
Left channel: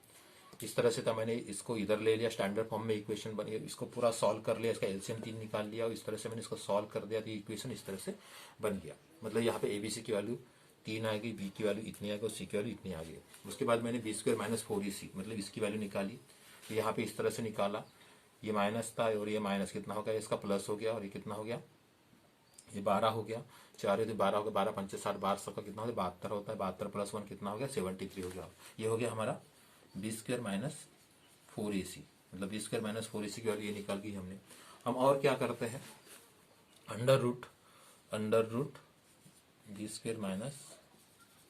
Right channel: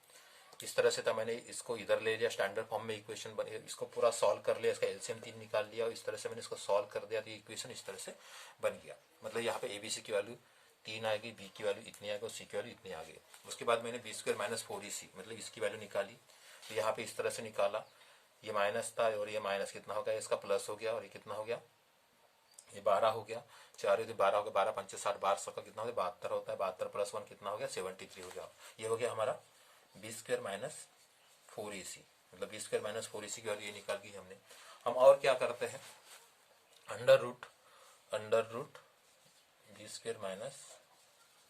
मैंने इसको इधर ले लिया, स्टैंडर्ड फॉर्म में इक्वेशन बनी, इसको पूरा सॉल्व कर लिया, इसका एलसीएम 3 निकाल लिया और इस तरह से मैंने इसको सॉल्व कर दिया, तो इक्वेशन इस तरह से बन गया। मतलब यहाँ पे एबीसी की वैल्यू 3 आ गई, बी की वैल्यू इतनी आ गई और सी की वैल्यू इतनी आ गई। उसके बाद मैंने b² -4ac मतलब इसकी वैल्यू निकाली, यहाँ पे इस तरह से निकाला, ये माइनस था और ये माइनस कितना हो गया, इसका प्लस हो गया और ये कितना हो गया, ये 12 हो गया, 4 12 हो गया, 12 5 60 12 का कितना होता है, 72 होता है, 72 + 1 कितना हो गया, 73 हो गया। ये हो गया हमारा b² फोर ए सी, मतलब बी स्क्वायर माइनस फोर ए सी की वैल्यू ये निकाल दी हमने। हम और क्या करते हैं, under root B square minus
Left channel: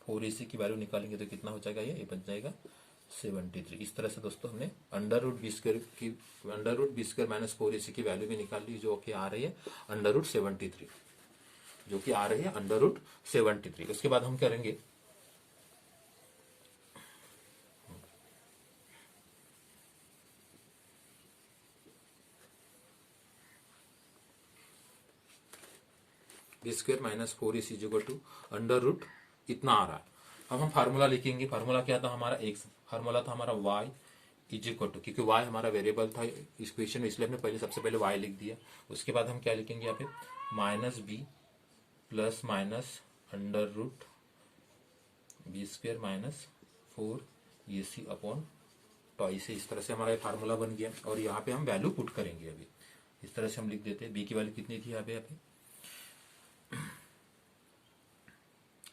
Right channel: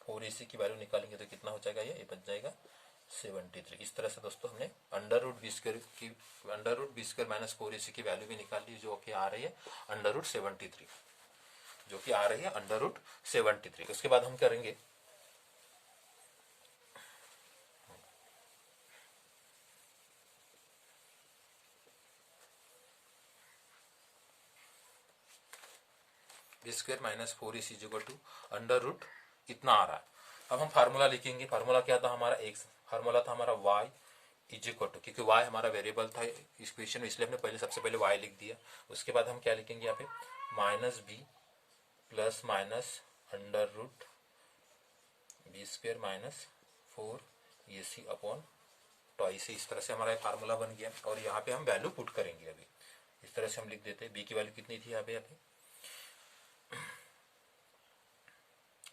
four ए सी की वैल्यू निकालेंगे तो कितना हो जाएगा, ये बन जाएगा 73। इस तरह से दोस्तों हमने under root B square minus four ए सी की वैल्यू भी निकाल ली, जो कि आ रही है अंडर रूट 73, जो कि आ रही है अंडर रूट 73। उसके बाद हम करेंगे b square minus four A c equal to under root इतना आ रहा है। अब हम फार्मूला लिखेंगे। फार्मूला क्या था हमारा, एक्स, फार्मूला था हमारा वाई इज इक्वल टू, क्योंकि वाई हमारा वेरिएबल था इस क्वेश्चन में, इसलिए हमने पहले सबसे पहले वाई लिख दिया। उसके बाद हम क्या लिखेंगे यहाँ पे, minus B plus minus under root B square minus four ए सी अपॉन ट्वाइस। इस तरह से हमारा फार्मूला बन गया और यहाँ पे हम वैल्यू पुट करेंगे। अभी इस तरह से हम लिख देते हैं, बी की वैल्यू कितनी थी यहाँ पे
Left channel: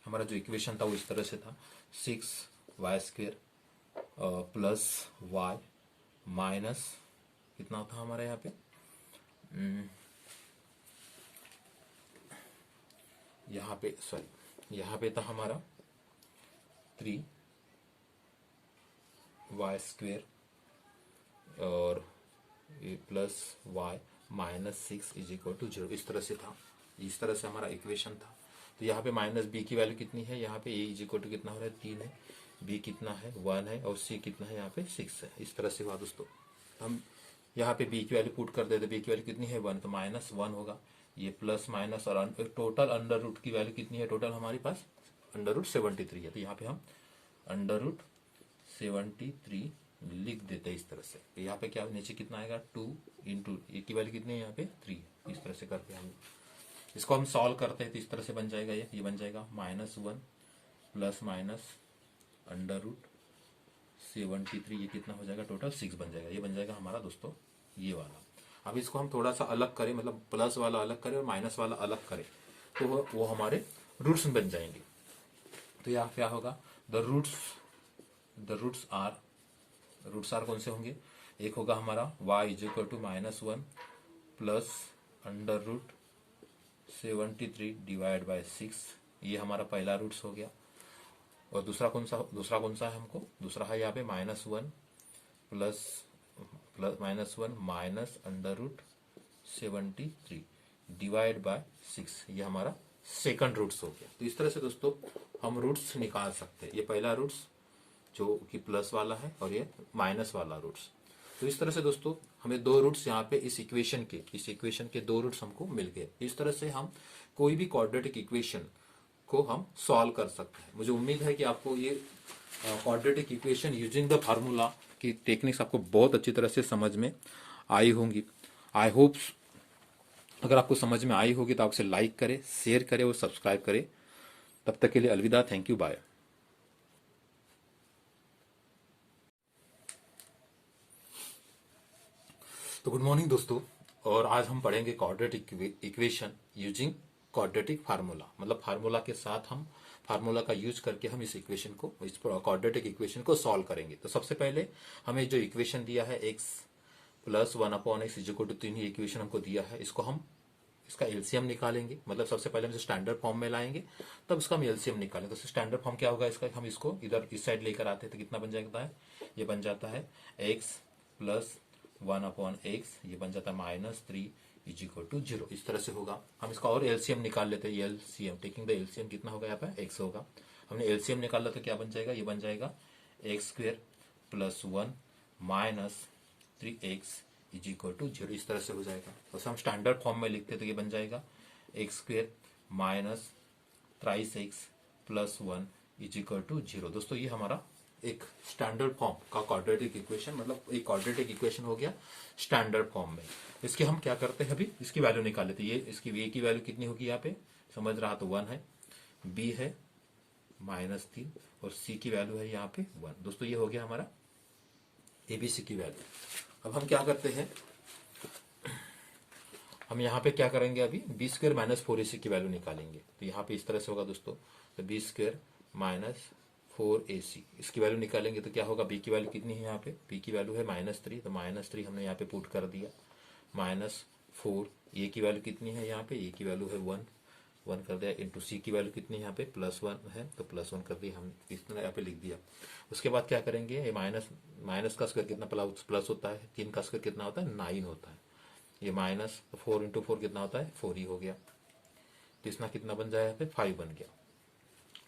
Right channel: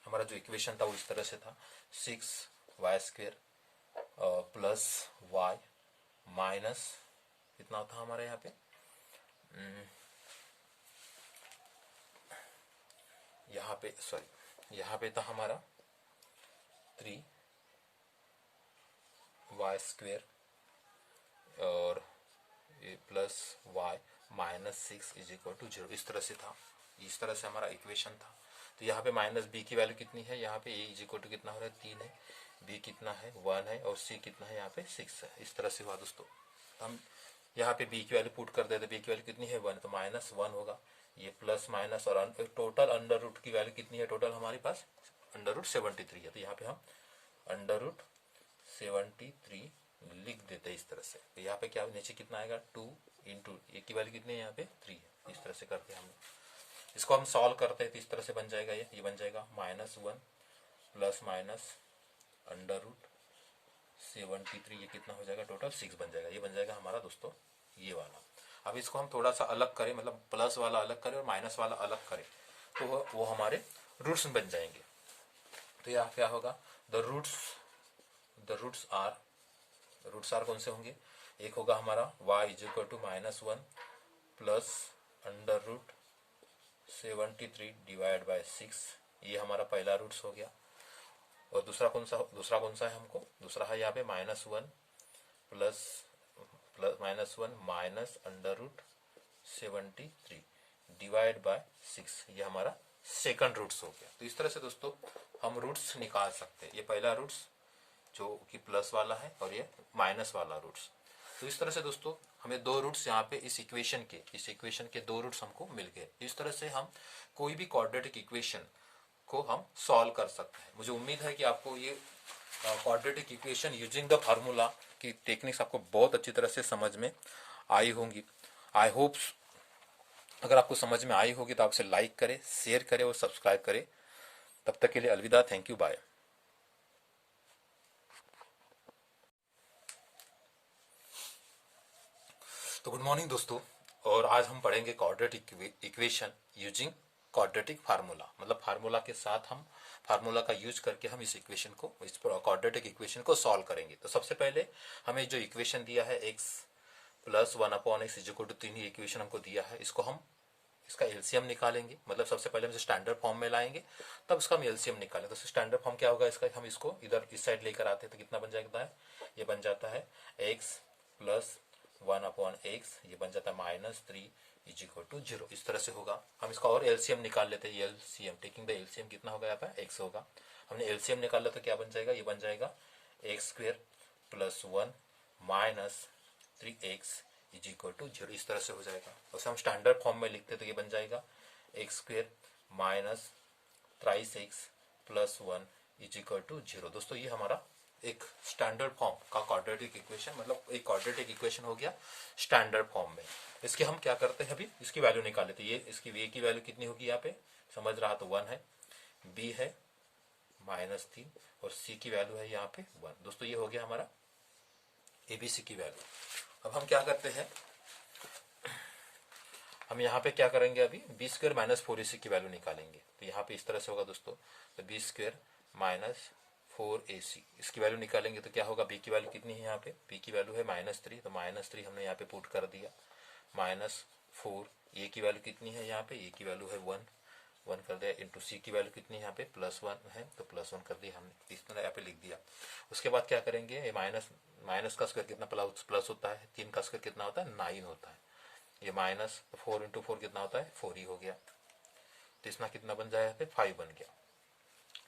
हमारा जो इक्वेशन था वो इस तरह से था, 6y square plus y minus कितना था हमारा यहाँ पे, यहाँ पे था हमारा 3y स्क्वेयर और plus y minus 6 is equal to 0। इस तरह से था, इस तरह से हमारा इक्वेशन था। तो यहाँ पे माइनस बी की वैल्यू कितनी है, यहाँ पे ए इज इक्वल टू कितना हो रहा है 3 है, बी कितना है 1 है और सी कितना है यहाँ पे 6 है। इस तरह से हुआ दोस्तों। हम यहाँ पे बी की वैल्यू पुट कर देते, बी की वैल्यू कितनी है 1, तो माइनस 1 होगा, ये प्लस माइनस और टोटल अंडर रूट की वैल्यू कितनी है, टोटल हमारे पास अंडर रूट 73 है। तो यहाँ पे हम अंडर रूट 73 लिख देते हैं इस तरह से। तो यहाँ पे क्या नीचे कितना आएगा 2 इंटू ए की वैल्यू कितनी है यहाँ पे 3। इस तरह से करके हम इसको हम सॉल्व करते हैं तो इस तरह से बन जाएगा, ये बन जाएगा -1 प्लस माइनस अंडर रूट 73, ये कितना हो जाएगा टोटल 6 बन जाएगा। ये बन जाएगा हमारा दोस्तों ये वाला। अब इसको हम थोड़ा सा अलग करें, मतलब प्लस वाला अलग करें और माइनस वाला अलग करें, तो वो हमारे रूट्स बन जाएंगे। तो यहाँ क्या होगा, द रूट्स आर कौन से होंगे, एक होगा हमारा y is equal to -1 plus under root 73 divide by 6, ये हमारा पहला रूट्स हो गया। और दूसरा कौन सा है हमको, दूसरा है यहाँ पे -1 plus -1 minus under root 73 divide by 6, ये हमारा सेकंड रूट्स हो गया। तो इस तरह से दोस्तों हम रूट्स निकाल सकते हैं। ये पहला रूट्स जो कि प्लस वाला है और ये माइनस वाला रूट्स। तो इस तरह से दोस्तों हमें दो रूट्स यहाँ पे इस इक्वेशन के दो रूट्स हमको मिल गए। इस तरह से हम कोई भी क्वाड्रेटिक इक्वेशन को हम सॉल्व कर सकते हैं। मुझे उम्मीद है कि आपको ये quadratic equation using the formula की टेक्निक्स आपको बहुत अच्छी तरह से समझ में आई होंगी। आई होप अगर आपको समझ में आई होगी तो आप उसे लाइक करें, शेयर करें और सब्सक्राइब करें। तब तक के लिए अलविदा, थैंक यू, बाय। तो गुड मॉर्निंग दोस्तों, और आज हम पढ़ेंगे quadratic equation using quadratic formula. मतलब फार्मूला के साथ हम फार्मूला का यूज करके हम इस इक्वेशन को, इस क्वाड्रेटिक इक्वेशन को सॉल्व करेंगे। तो सबसे पहले हमें जो इक्वेशन दिया है x plus 1/x is equal to 3, ये इक्वेशन हमको दिया है, इसको हम इसका एलसीएम निकालेंगे। मतलब सबसे पहले हम इसे स्टैंडर्ड फॉर्म में लाएंगे, तब इसका हम एलसीएम निकालेंगे। तो स्टैंडर्ड फॉर्म क्या होगा इसका, हम इसको इधर इस साइड लेकर आते हैं तो कितना बन जाता है, ये बन जाता है x प्लस 1/x, ये बन जाता है -3 इज इक्वल टू 0। इस तरह से होगा। हम इसका और एलसीएम निकाल लेते हैं। एलसीएम टेकिंग द एलसीएम कितना होगा यहाँ पर x होगा। हमने एलसीएम निकाला तो क्या बन जाएगा, ये बन जाएगा x square plus 1 minus 3x is equal to 0। इस तरह से हो जाएगा। वैसे हम स्टैंडर्ड फॉर्म में लिखते तो ये बन जाएगा x square minus 3x plus 1 is equal to 0। दोस्तों ये हमारा एक स्टैंडर्ड फॉर्म का क्वाड्रेटिक इक्वेशन, मतलब एक क्वाड्रेटिक इक्वेशन हो गया स्टैंडर्ड फॉर्म में। इसके हम क्या करते हैं, अभी इसकी वैल्यू निकाल लेते हैं। ये इसकी a की वैल्यू कितनी होगी यहाँ पे, समझ रहा तो 1 है, b है -3 और c की वैल्यू है यहाँ पे 1। दोस्तों ये हो गया हमारा abc की वैल्यू। अब हम क्या करते हैं, हम यहाँ पे क्या करेंगे, अभी बी स्क्वायर माइनस 4ac की वैल्यू निकालेंगे। तो यहाँ पे इस तरह से होगा दोस्तों, तो बी स्क्वायर माइनस 4ac। इसकी वैल्यू निकालेंगे तो क्या होगा, b की वैल्यू कितनी है यहाँ पे, b की वैल्यू है -3, तो -3 हमने यहाँ पे पुट कर दिया, -4, a की वैल्यू कितनी है यहाँ पे, a की वैल्यू है 1 कर दिया, इंटू c की वैल्यू कितनी है यहाँ पे +1 है, तो +1 कर दिया हमने, इस तरह यहाँ पे लिख दिया। उसके बाद क्या करेंगे, ये माइनस का स्क्वायर कितना प्लस होता है, 3 का स्क्वायर कितना होता है 9 होता है, ये माइनस 4 इंटू 4 कितना होता है 4 ही हो गया, तो इसना कितना बन जाएगा यहाँ पे 5 बन गया।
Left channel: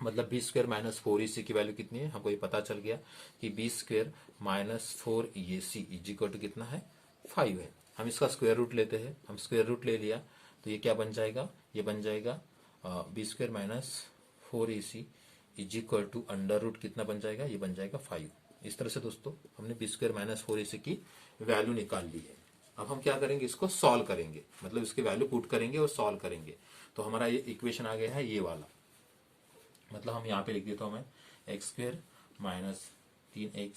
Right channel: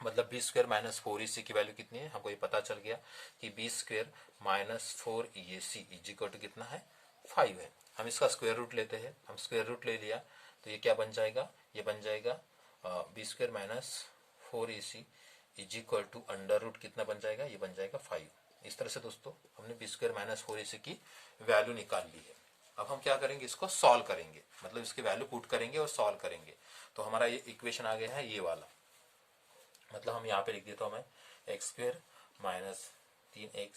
मतलब बी स्क्वायर -4ac की वैल्यू कितनी है, हमको ये पता चल गया कि B square -4ac is equal to कितना है 5 है। हम इसका स्क्वायर रूट लेते हैं, हम स्क्वायर रूट ले लिया तो ये क्या बन जाएगा, ये बन जाएगा B square -4ac is equal to under root कितना बन जाएगा, ये बन जाएगा 5। इस तरह से दोस्तों हमने बी स्क्वायर -4ac की वैल्यू निकाल ली है। अब हम क्या करेंगे, इसको सॉल्व करेंगे, मतलब इसकी वैल्यू पुट करेंगे और सॉल्व करेंगे, तो हमारा ये इक्वेशन आ गया है ये वाला। मतलब हम यहाँ पे लिख दिए तो हमें x² -3x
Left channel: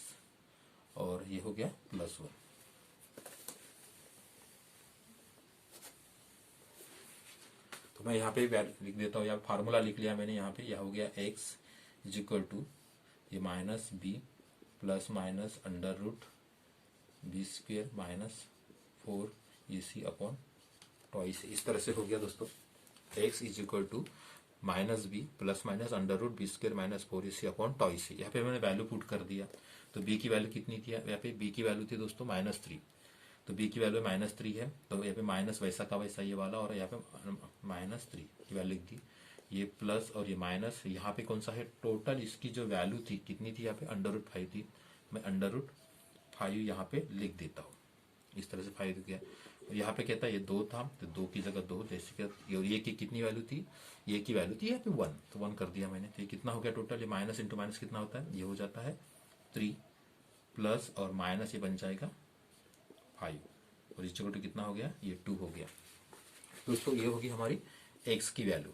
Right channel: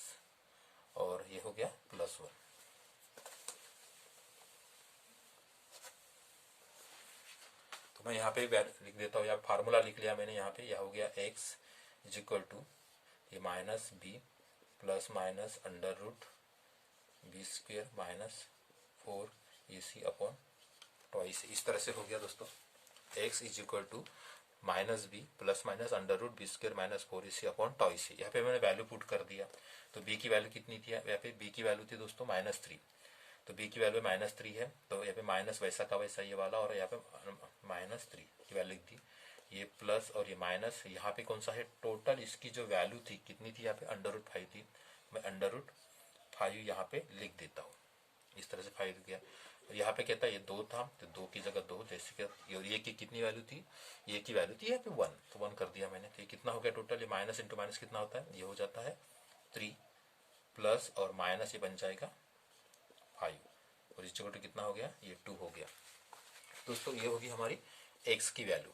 और ये हो गया +1। तो मैं यहाँ पे लिख देता हूँ, या फार्मूला लिख लिया मैंने यहाँ पे, यह हो गया x इज इक्वल टू ये -b plus minus under root b² -4ac upon twice. इस तरह से हो गया दोस्तों, x is equal to -b plus minus under root b² -4ac upon twice. यहाँ पे मैंने वैल्यू पुट कर दिया, तो b की वैल्यू कितनी थी, यहाँ पे b की वैल्यू थी दोस्तों -3, तो b की वैल्यू -3 है, तो यहाँ पे माइनस वैसा का वैसा ये वाला, और यहाँ पे -3 की वैल्यू लिख दी, ये प्लस और ये माइनस, यहाँ पे कौन सा है टोटल, इसकी जो वैल्यू थी कितनी थी, यहाँ पे √5 थी, मैं √5 यहाँ पे लिख देता हूँ। इस तरह से 5 गया, यहाँ पे कहता है ये 2 था, तो 2 की जगह 2, जैसे कि ये की कितनी वैल्यू थी, ये की वैल्यू थी यहाँ पे 1, तो 1 कर दिया मैंने, तो ये कितना हो गया टोटल, ये माइनस इंटू माइनस कितना होता है, ये हो जाता है 3 प्लस और माइनस ये बन जाएगा 5, और इस जगह कितना हो गया, ये 2 हो गया। दोस्तों ये होगी हमारी x की वैल्यू,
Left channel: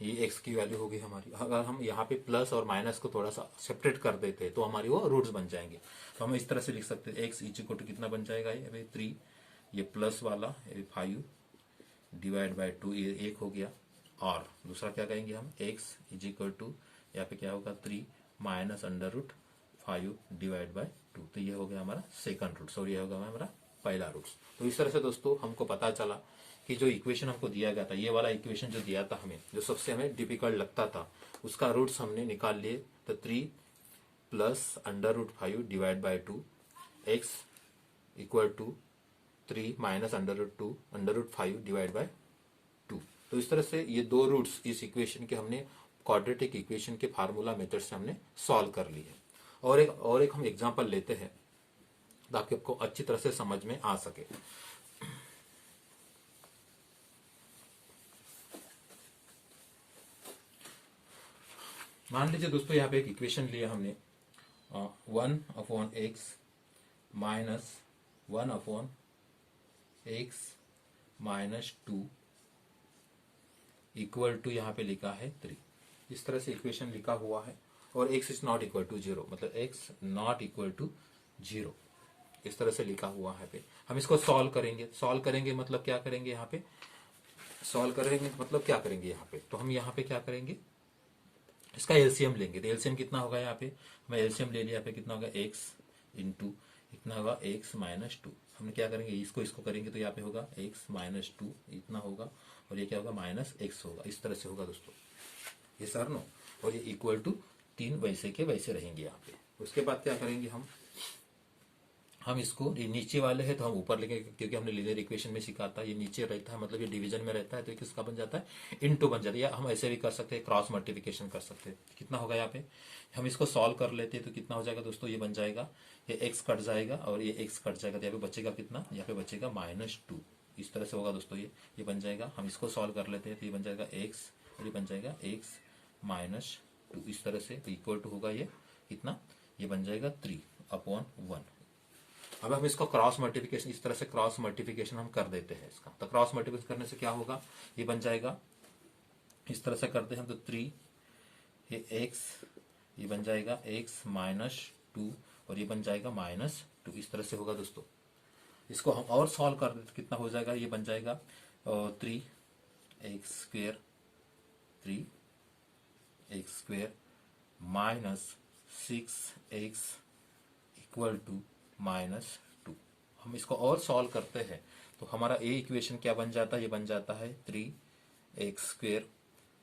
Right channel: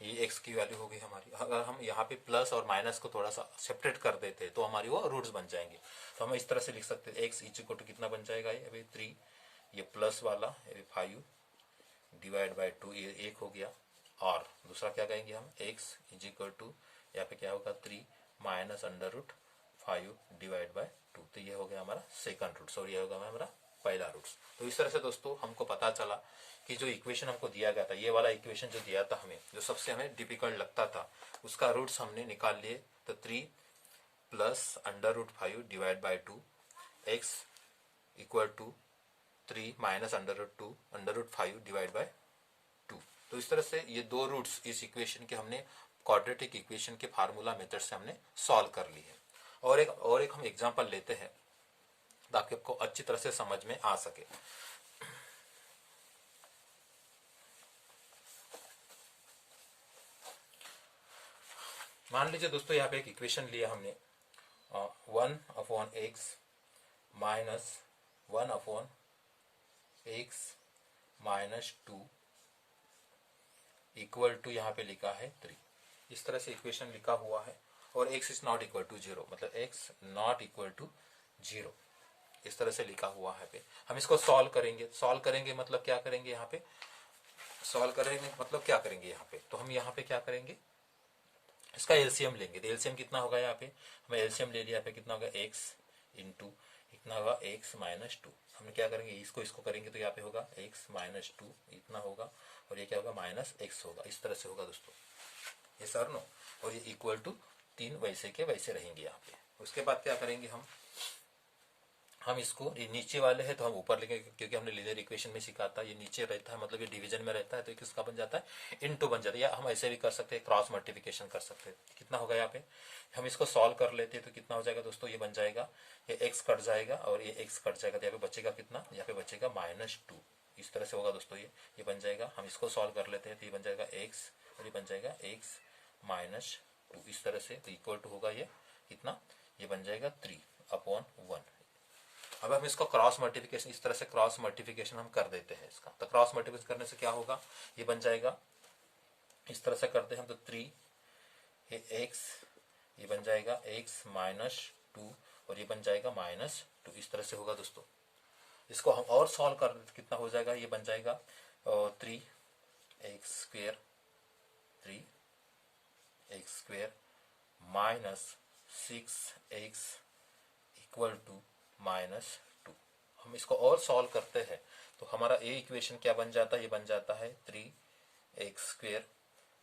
ये x की वैल्यू होगी हमारी। अगर हम यहाँ पे प्लस और माइनस को थोड़ा सा सेपरेट कर देते तो हमारी वो रूट्स बन जाएंगे, तो हम इस तरह से लिख सकते हैं x इज इक्वल टू कितना बन जाएगा, ये 3, ये प्लस वाला 5 डिवाइड बाय 2, ये 1 हो गया, और दूसरा क्या कहेंगे हम, x इज इक्वल टू यहाँ पे क्या होगा 3 minus under root 5 divide by 2, तो ये हो गया हमारा सेकंड रूट्स, और ये होगा हमारा पहला रूट्स। तो इस तरह से दोस्तों हमको पता चला कि जो इक्वेशन हमको दिया गया था, ये वाला इक्वेशन जो दिया था हमें, जो सबसे हमें डिफिकल्ट लगता था, उसका रूट्स हमने निकाल लिए, तो 3 plus under root 5 divide by 2, x equal to 3 minus under root 5 divide by 2। तो इस तरह से ये दो रूट्स इस इक्वेशन के हमने क्वाड्रेटिक इक्वेशन के फार्मूला मेथड से हमने सॉल्व कर ली है। और एक हम एग्जांपल लेते हैं ताकि आपको अच्छी तरह से समझ में आ सके। मान लीजिए दोस्तों यहाँ पे एक इक्वेशन लिया हमने, 1/x minus 1/x minus 2 equal to यहाँ पे लिखा है 3। इस तरह से इक्वेशन लिखा हुआ है, और x is not equal to 0, मतलब x नॉट इक्वल टू 0, इस तरह से लिखा हुआ है पे। हम इसको सॉल्व करेंगे मतलब क्या करेंगे, यहाँ पे सॉल्व करेंगे मतलब क्या करेंगे यहाँ पे, तो हम यहाँ पे क्या करेंगे, इसका एलसीएम लेंगे, तो एलसीएम कितना होगा, यहाँ पे मैं एलसीएम ले लिया, यहाँ पे कितना होगा x इंटू कितना होगा x माइनस 2। हम क्या करेंगे, इसको करेंगे तो यहाँ पे होगा x माइनस 2 इतना होगा, और ये क्या होगा -x होगा। इस तरह से होगा दोस्तों ये सर नो, और ये इक्वल टू 3 वैसे के वैसे रहेंगे यहाँ पे। उसके बाद क्या करेंगे, हम इसको, ये नीचे वाले है तो हम ऊपर लेंगे, क्योंकि हमने लीनियर इक्वेशन में सीखा था, ये नीचे रहता है मतलब ये डिवीजन में रहता है, तो किसका बन जाता है इनटू बन जाता है, या हम ऐसे भी कर सकते हैं, क्रॉस मल्टीप्लिकेशन कर सकते हैं। कितना होगा यहाँ पे, हम इसको सॉल्व कर लेते हैं तो कितना हो जाएगा दोस्तों, ये बन जाएगा, ये x कट जाएगा और ये x कट जाएगा, तो यहाँ पे बचेगा कितना, यहाँ पे बचेगा -2। इस तरह से होगा दोस्तों, ये बन जाएगा। हम इसको सॉल्व कर लेते हैं तो ये बन जाएगा x, और ये बन जाएगा x माइनस 2, इस तरह से इक्वल टू होगा ये कितना, ये बन जाएगा 3/1। अब हम इसका क्रॉस मल्टीप्लिकेशन, इस तरह से क्रॉस मल्टीप्लिकेशन हम कर देते हैं इसका, तो क्रॉस मल्टीप्लिकेशन करने से क्या होगा, ये बन जाएगा, इस तरह से करते हैं तो 3 ये x, ये बन जाएगा x माइनस 2, और ये बन जाएगा -2, इस तरह से होगा दोस्तों। इसको हम और सॉल्व कर देते कितना हो जाएगा, ये बन जाएगा 3x² -6x इक्वल टू -2। हम इसको और सॉल्व करते हैं तो हमारा ए इक्वेशन क्या बन जाता है, ये बन जाता है 3x²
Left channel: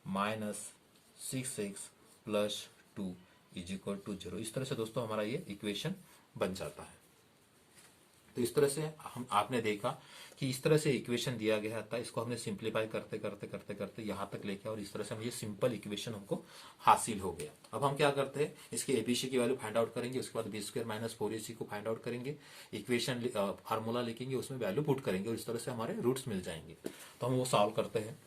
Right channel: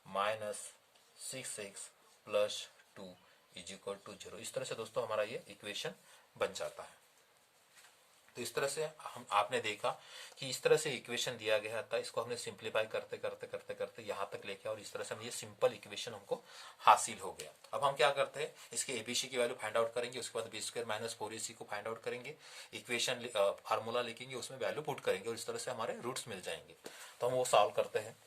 -6x plus 2 is equal to 0। इस तरह से दोस्तों हमारा ये इक्वेशन बन जाता है। तो इस तरह से हम आपने देखा कि इस तरह से इक्वेशन दिया गया था, इसको हमने सिंप्लीफाई करते करते करते करते यहाँ तक लेके और इस तरह से हम ये सिंपल इक्वेशन हमको हासिल हो गया। अब हम क्या करते हैं, इसके एबीसी की वैल्यू फाइंड आउट करेंगे, उसके बाद b² - 4ac को फाइंड आउट करेंगे, इक्वेशन फार्मूला लिखेंगे, उसमें वैल्यू पुट करेंगे और इस तरह से हमारे रूट्स मिल जाएंगे। तो हम वो सॉल्व करते हैं।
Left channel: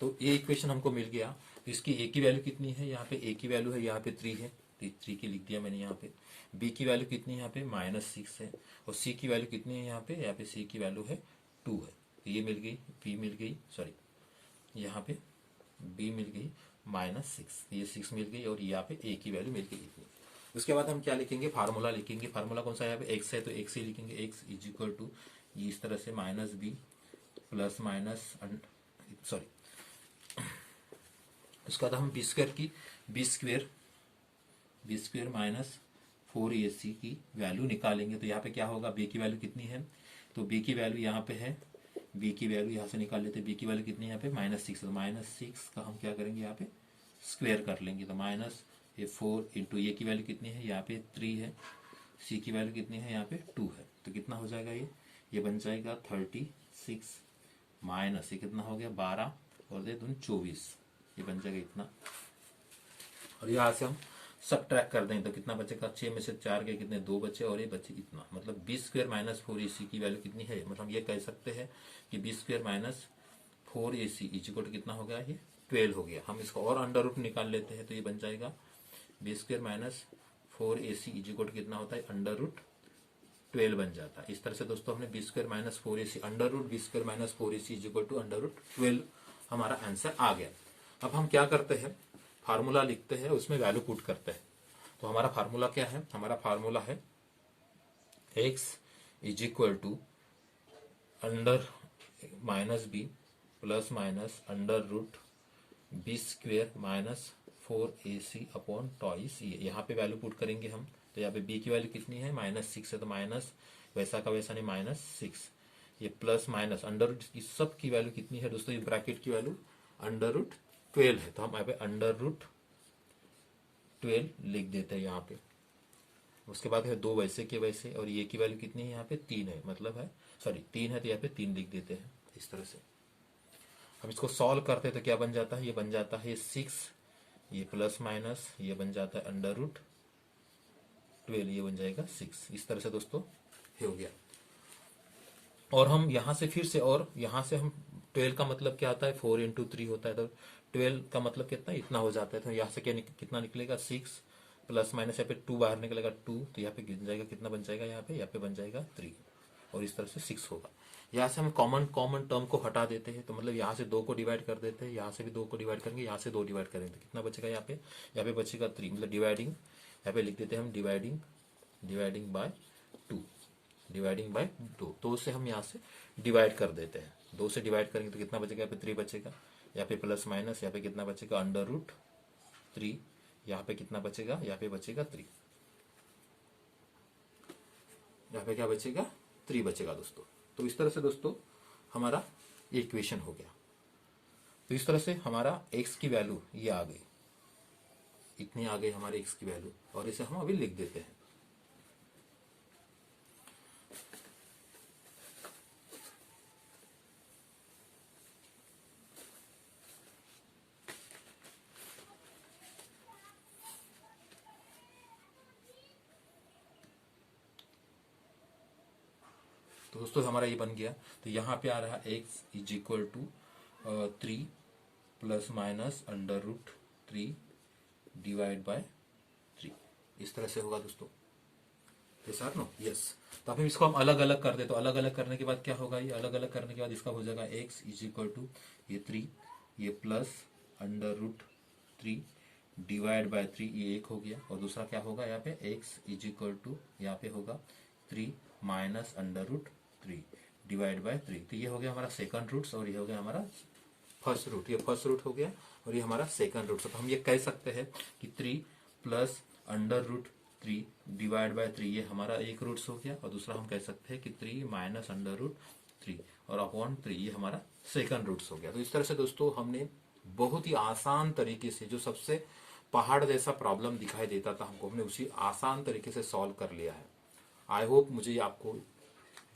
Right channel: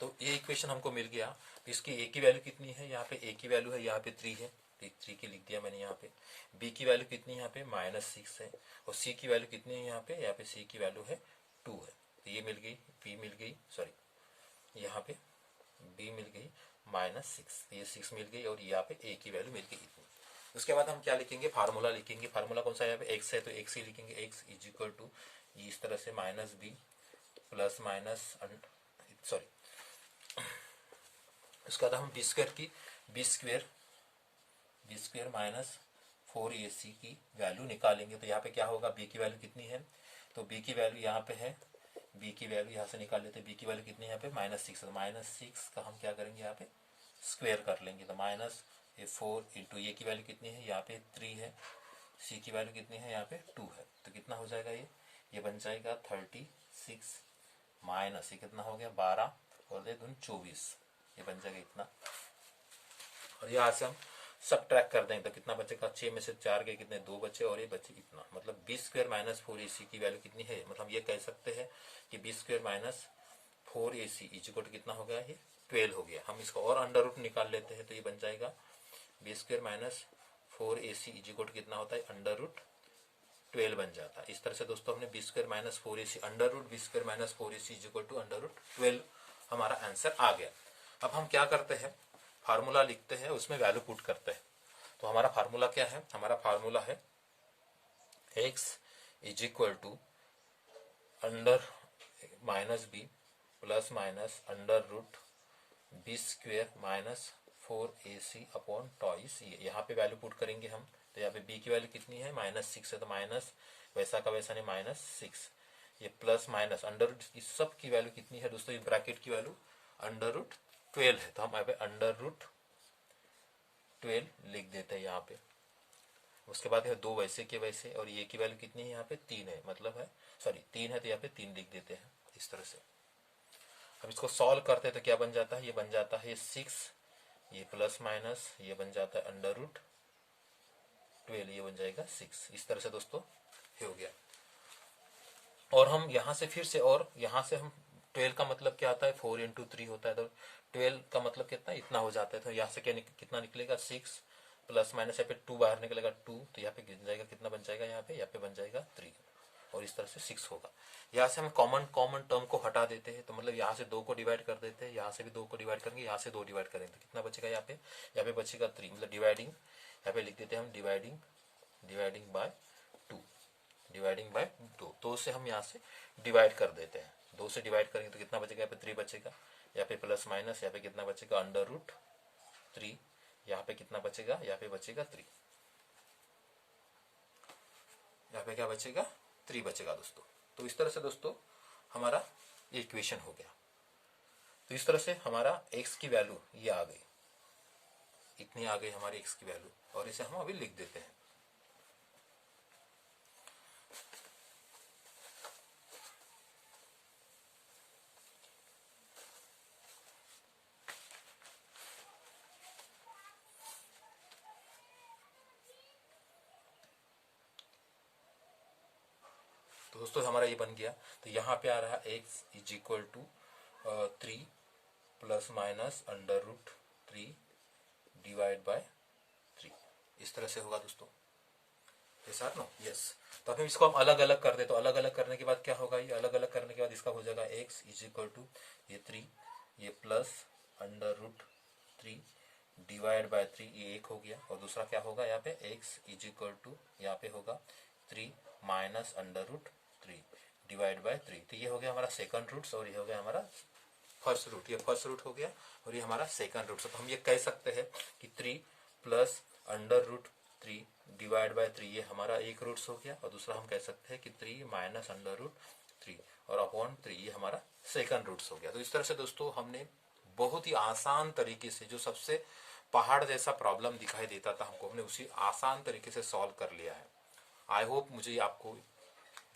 तो ये इक्वेशन हमको मिल गया। इसकी ए की वैल्यू कितनी है, यहाँ पे ए की वैल्यू है यहाँ पे 3 है, 3 की लिख दिया मैंने यहाँ पे। बी की वैल्यू कितनी है यहाँ पे -6 है, और सी की वैल्यू कितनी है यहाँ पे सी की वैल्यू है 2 है। तो ये मिल गई, बी मिल गई, सॉरी यहाँ पे बी मिल गई -6, ये 6 मिल गई और यहाँ पे ए की वैल्यू मिल गई इतनी। उसके बाद हम क्या लिखेंगे, फार्मूला लिखेंगे। फार्मूला कौन सा है, यहाँ पे एक्स है तो एक्स ही लिखेंगे, एक्स इज इक्वल टू इस तरह से -b प्लस माइनस सॉरी उसके बाद हम b² -4ac की वैल्यू निकालेंगे। तो यहाँ पे क्या होगा, b की वैल्यू कितनी है, तो b की वैल्यू यहाँ पे है, b की वैल्यू यहाँ से निकाल लेते हैं। b की वैल्यू कितनी है यहाँ पे -6, तो -6 का हम क्या करेंगे यहाँ पे स्क्वायर कर लेंगे। तो -4 इंटू ए की वैल्यू कितनी है यहाँ पे 3 है, c की वैल्यू कितनी है यहाँ पे 2 है। तो कितना हो जाएगा ये बन जाएगा 36 माइनस ये कितना हो गया 12 और दे 24, ये बन जाएगा इतना। और यहाँ से हम सब ट्रैक कर देंगे तो कितना बचेगा, 6 में से 4 गए, कितने 2 बचे और ये बचे इतना। मतलब b² - 4ac की वैल्यू कितनी है, मतलब ये कह सकते हैं कि b² - 4ac is equal to कितना हो गया, ये 12 हो गया। हम इसको और अंडर रूट निकाल लेते हैं तो ये बन जाएगा b² - 4ac is equal to कितना होता है √12 बन जाता है। इस तरह से दोस्तों हमने b² - 4ac b² - 4ac is equal to √12 हमारा आंसर आ गया। अब हम क्या करते हैं, फार्मूला लिखते हैं, उसमें वैल्यू पुट करते हैं। तो हमारा फार्मूला क्या है, हमारा फार्मूला है x is equal to under -b plus minus √b² - 4ac upon twice. यहाँ पे वैल्यू पुट करेंगे हम। तो यहाँ पे b की वैल्यू कितनी है -6 है, तो माइनस वैसा का वैसा नहीं -6, ये प्लस माइनस अंडर रूट, इस सब की वैल्यू कितनी है दोस्तों, ये ब्रैकेट की वैल्यू √12 है। तो हम यहाँ पे √12 लिख देते हैं यहाँ पे। उसके बाद है 2 वैसे के वैसे, और ये की वैल्यू कितनी है यहाँ पे 3 है, मतलब है सॉरी 3 है तो यहाँ पे 3 लिख देते हैं इस तरह से। हम इसको सॉल्व करते हैं तो क्या बन जाता है, ये बन जाता है 6, ये प्लस माइनस ये बन जाता है √12, ये बन जाएगा 6। इस तरह से दोस्तों हो गया। और हम यहाँ से फिर से, और यहाँ से हम 12 का मतलब क्या होता है 4 × 3 होता है, तो 12 का मतलब कितना इतना हो जाता है। तो यहाँ से कितना निकलेगा 6 प्लस माइनस यहाँ पे 2 बाहर निकलेगा 2, तो यहाँ पे गिन जाएगा कितना बन जाएगा यहाँ पे बन जाएगा 3, और इस तरह से 6 होगा। यहाँ से हम कॉमन टर्म को हटा देते हैं, तो मतलब यहाँ से 2 को डिवाइड कर देते हैं, यहाँ से भी 2 को डिवाइड करेंगे, यहाँ से 2 डिवाइड करेंगे तो कितना बचेगा यहाँ पे बचेगा 3, मतलब डिवाइडिंग यहाँ पे लिख देते हैं हम डिवाइडिंग बाय 2, डिवाइडिंग बाय 2। तो उससे हम यहाँ से डिवाइड कर देते हैं, 2 से डिवाइड करेंगे तो कितना बचेगा यहाँ पे 3 बचेगा, यहाँ पे प्लस माइनस यहाँ पे कितना बचेगा √3, यहाँ पे कितना बचेगा, यहाँ पे बचेगा 3, यहाँ पे क्या बचेगा 3 बचेगा दोस्तों। तो इस तरह से दोस्तों हमारा ये इक्वेशन हो गया। तो इस तरह से हमारा x की वैल्यू ये आ गई, इतनी आ गई हमारी x की वैल्यू, और इसे हम अभी लिख देते हैं। तो दोस्तों हमारा ये बन गया। तो यहाँ पे आ रहा है x is equal to 3 plus minus √3 divide by 3, इस तरह से होगा दोस्तों, ये साथ ना यस। तो अब हम इसको हम अलग अलग कर दे, तो अलग अलग करने के बाद क्या होगा, ये अलग अलग करने के बाद इसका हो जाएगा x इज इक्वल टू ये 3, ये प्लस √3 डिवाइड बाय 3, ये 1 हो गया। और दूसरा क्या होगा यहाँ पे x इज इक्वल टू यहाँ पे होगा 3 माइनस √3 डिवाइड बाय 3, तो ये हो गया हमारा सेकंड रूट्स और ये हो गया हमारा फर्स्ट रूट, ये फर्स्ट रूट हो गया और ये हमारा सेकंड रूट। तो हम ये कह सकते हैं कि 3 plus under root 3 divide by 3, ये हमारा एक रूट्स हो गया। और दूसरा हम कह सकते हैं कि 3 माइनस अंडर रूट 3 और अपॉन 3, ये हमारा सेकंड रूट्स हो गया। तो इस तरह से दोस्तों हमने बहुत ही आसान तरीके से, जो सबसे पहाड़ जैसा प्रॉब्लम दिखाई देता था हमको, हमने उसी आसान तरीके से सॉल्व कर लिया है। आई होप, मुझे आपको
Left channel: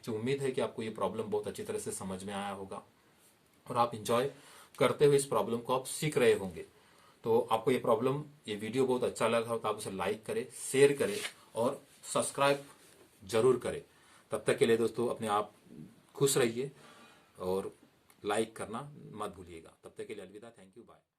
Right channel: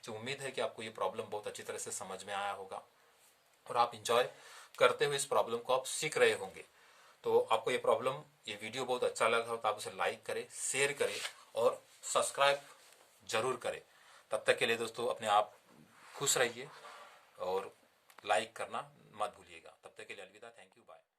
जो उम्मीद है कि आपको ये प्रॉब्लम बहुत अच्छी तरह से समझ में आया होगा और आप इंजॉय करते हुए इस प्रॉब्लम को आप सीख रहे होंगे। तो आपको ये वीडियो बहुत अच्छा लगा हो तो आप उसे लाइक करें, शेयर करें और सब्सक्राइब जरूर करें। तब तक के लिए दोस्तों अपने आप खुश रहिए और लाइक करना मत भूलिएगा। तब तक के लिए अलविदा, थैंक यू, बाय।